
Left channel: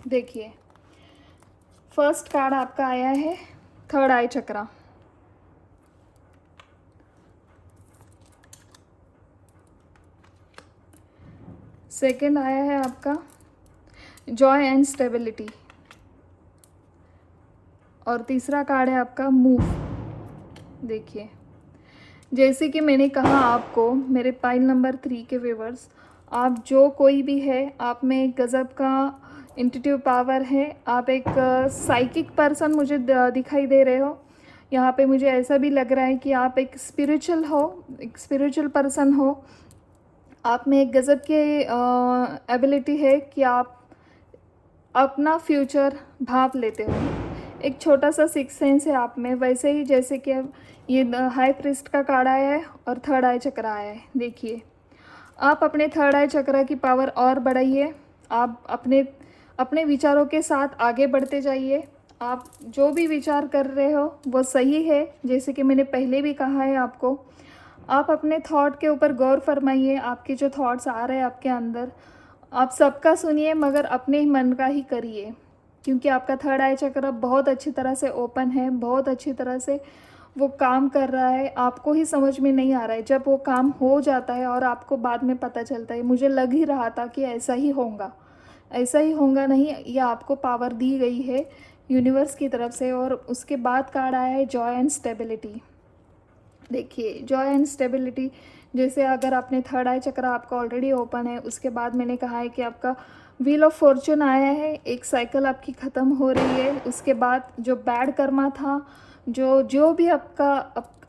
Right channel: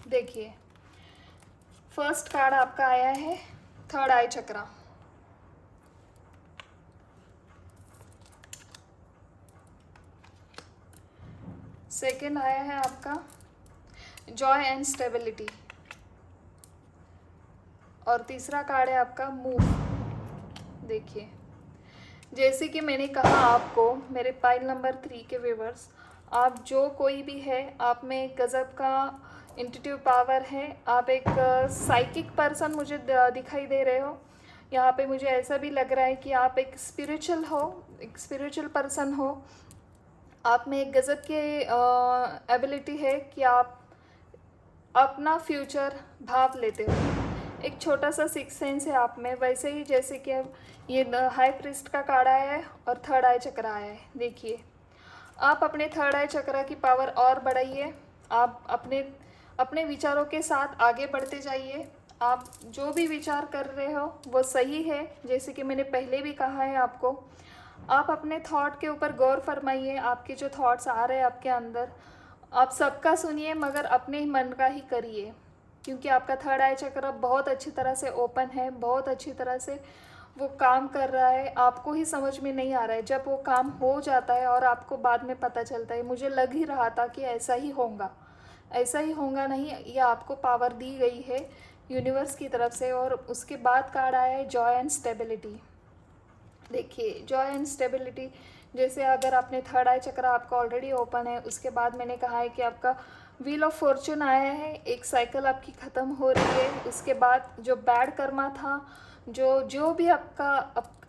देखिए, फर्स्ट कार्ड आपका आया है थर्ड आई चक्रा। सेकंड आया है आपका जॉय एंड स्टेबिलिटी और तीसरा कार्ड है आपका मूव। देखिए, जैसे कि मैंने कहा आपको मेरे पाइल नंबर 3 के व्यूवर्स, आप जो कोई भी है, आप में एक गज़ब का इंट्यूटिव पावर है। आप एक साइकिक पर्सन मुझे दिखाई दे रहे हो। यहाँ पे मुझे ऐसा भी लग रहा है कि आप एक स्पिरिचुअल हो, एक स्पिरिचुअल पर्सन हो। आप में एक गज़ब के एबिलिटी है कि आप अपना फ्यूचर भाप लेते हो। एक छोटा सा सिक्स सेंस है आप में, वैसे ही जैसे कि ये हाई प्रिस्ट का कार्ड आया है और थर्ड आई चक्र आया है। देखिए, आप अपने थर्ड आई चक्र की पावर और बढ़ाइए। आप अपने विचारों के साथ आगे बढ़ते जाइए। आप जो भी विचार कर रहे हो वो सही है, जैसे कि मैंने पहले भी कहा है आपको। आप अपने थॉट के ऊपर गौर फरमाइए। आपके जो थॉट्स आ रहे हैं आपके अंदर, आप सबका सुनिए मगर अपने ही मन का ही करिए, क्योंकि आपका थर्ड आई चक्र बहुत अच्छी तरह से ओपन है, बहुत अच्छी तरह से वो काम कर रहा है। आपको ही समझ में नहीं आ रहा है, जब वो काम हो जाता है और आपको बाद में पता चलता है। मुझे लग ही रहा था कि ऐसा ही होगा, ऐसा ही होगा नहीं, ये आपको पावर दी गई है यूनिवर्स की तरफ से। और उसके बाद कार्ड आया है जॉय एंड स्टेबिलिटी। देखिए, जॉय एंड स्टेबिलिटी, जैसे अगर आपने थर्ड आई चक्र आपका ऑलरेडी ओपन है, उसके बाद मैंने कहा है कि आपका व्हील ऑफ फॉर्चून आया है। एक साइकिल आपकी ख़त्म हो रही है। उसके बाद जो बैड कर्मा था, जो भी आपका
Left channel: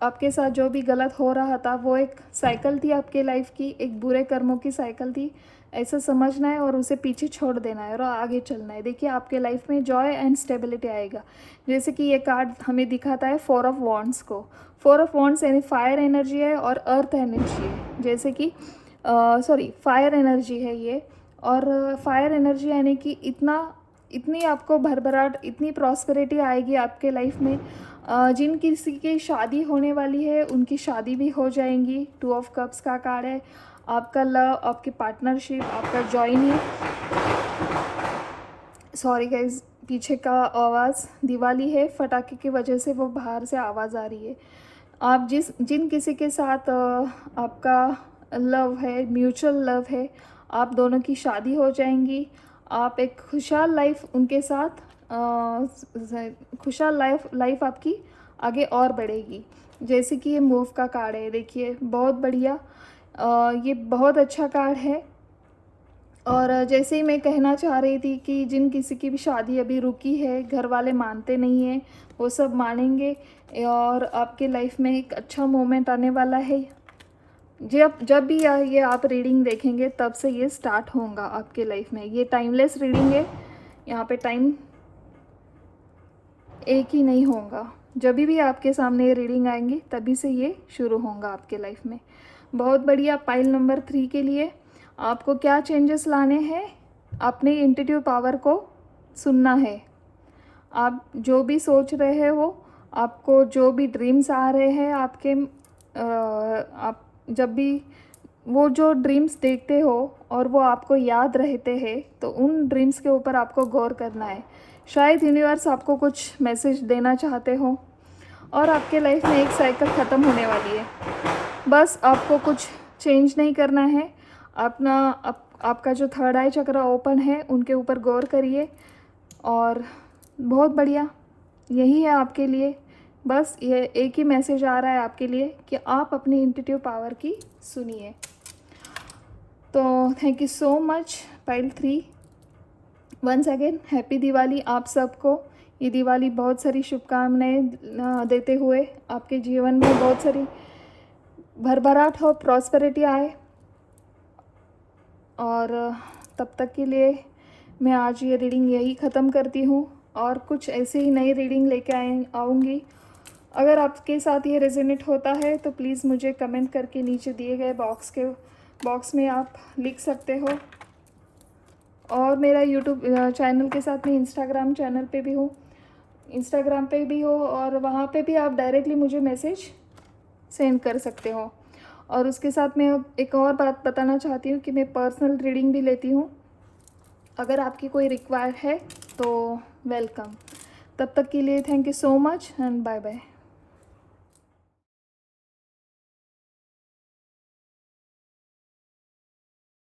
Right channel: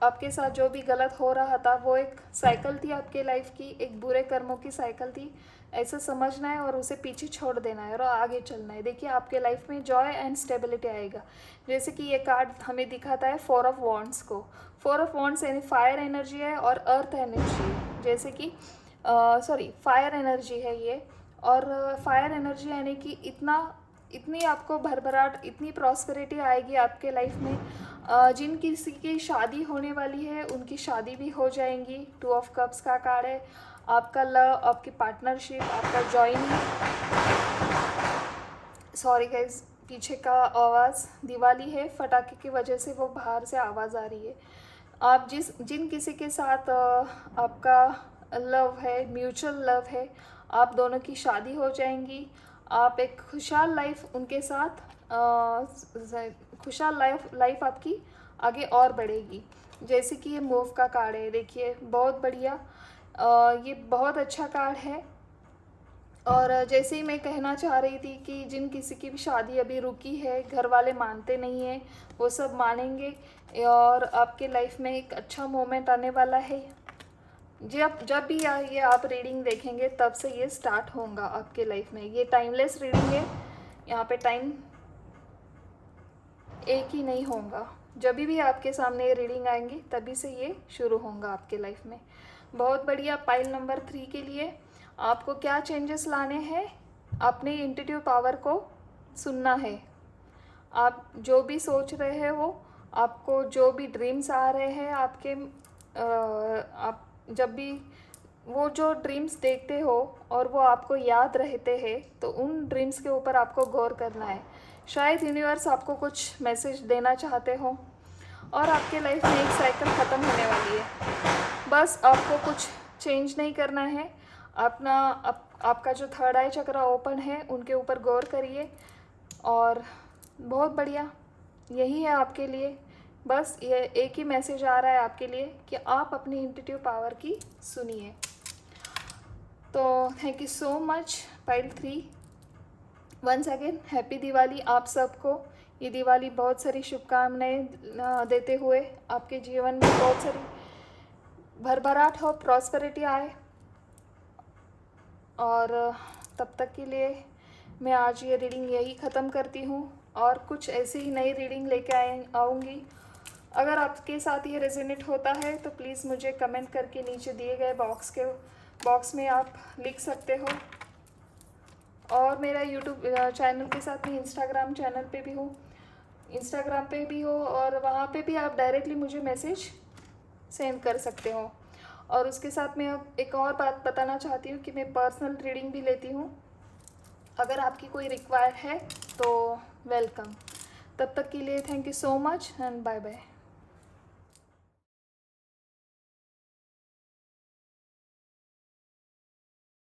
आपके साथ जो भी गलत हो रहा था वो एक साइकिल थी आपके लाइफ की, एक बुरे कर्मों की साइकिल थी, ऐसा समझना है और उसे पीछे छोड़ देना है और आगे चलना है। देखिए आपके लाइफ में जॉय एंड स्टेबिलिटी आएगा। जैसे कि ये कार्ड हमें दिखाता है 4 ऑफ वॉन्ड्स को। 4 ऑफ वॉन्ड्स यानी फायर एनर्जी है और अर्थ एनर्जी है, जैसे कि फायर एनर्जी है ये। और फायर एनर्जी यानी कि इतनी आपको भरभराट, इतनी प्रॉस्पेरिटी आएगी आपके लाइफ में। जिन किसी की शादी होने वाली है उनकी शादी भी हो जाएंगी। 2 ऑफ कप्स का कार्ड है। आपका लव, आपकी पार्टनरशिप, आपका जॉइनिंग। सॉरी गाइज, पीछे का आवाज़, दिवाली है, फटाके की वजह से वो बाहर से आवाज़ आ रही है। आप जिन किसी के साथ आपका लव है, म्यूचुअल लव है, आप दोनों की शादी हो जाएंगी। आप एक खुशहाल लाइफ उनके साथ, खुशहाल लाइफ आपकी आगे और बढ़ेगी। जैसे कि ये मूव का कार्ड है, देखिए बहुत बढ़िया, ये बहुत अच्छा कार्ड है। और जैसे ही मैं कहना चाह रही थी कि जिन किसी की भी शादी अभी रुकी है, घर वाले मानते नहीं हैं, वो सब मानेंगे और आपके लाइफ में एक अच्छा मोमेंट आने वाला है। जब भी ये आप रीडिंग देखेंगे तब से ये स्टार्ट होगा आपके लाइफ में। ये टाइमलेस रीडिंग है, यहाँ पे टाइम एक ही नहीं होगा। जब भी आपके सामने ये रीडिंग आएंगी तभी से ये शुरू होगा आपके लाइफ में। बहुत बढ़िया। पाइल नंबर 3 के लिए आपको क्या चेंजेस लाने हैं? अपने इंट्यूटिव पावर को सुनना है। आप जो भी सोच रहे हो, आपको जो भी ड्रीम्स आ रहे हैं आपके, आप जब भी वो जो ड्रीम्स देखते हो और वो आपको याद रहते हैं तो उन ड्रीम्स के ऊपर आपको गौर करना है। शायद यूनिवर्स आपको कुछ मैसेज देना चाहते हो और आपके लाइफ में एक साइकिल ख़त्म होने वाली है। बस आपको कुछ चेंज नहीं करना है। आपका जो थर्ड आई चक्र ओपन है उनके ऊपर गौर करिए और बहुत बढ़िया, यही है आपके लिए। बस ये एक ही मैसेज आ रहा है आपके लिए कि आप अपनी इंट्यूटिव पावर की सुनिए। तो thank you so much pile 3। Once again happy Diwali आप सबको। ये दिवाली बहुत सारी शुभकामनाएं देते हुए आपके जीवन में बहुत सारी भरभराट हो, प्रॉस्पेरिटी आए। और तब तक के लिए मैं आज ये रीडिंग यही ख़त्म करती हूँ और कुछ ऐसे ही नई रीडिंग लेके आऊँगी। अगर आपके साथ ये रेजोनेट होता है तो प्लीज़ मुझे कमेंट करके नीचे दिए गए बॉक्स में आप लिख सकते हो। और मेरा यूट्यूब चैनल के साथ में इंस्टाग्राम चैनल पे भी हूँ, इंस्टाग्राम पे भी हो और वहाँ पे भी आप डायरेक्टली मुझे मैसेज सेंड कर सकते हो। और उसके साथ मैं एक और बात बताना चाहती हूँ कि मैं पर्सनल रीडिंग भी लेती हूँ। अगर आपकी कोई रिक्वायर है तो वेलकम। तब तक के लिए thank you so much and bye bye.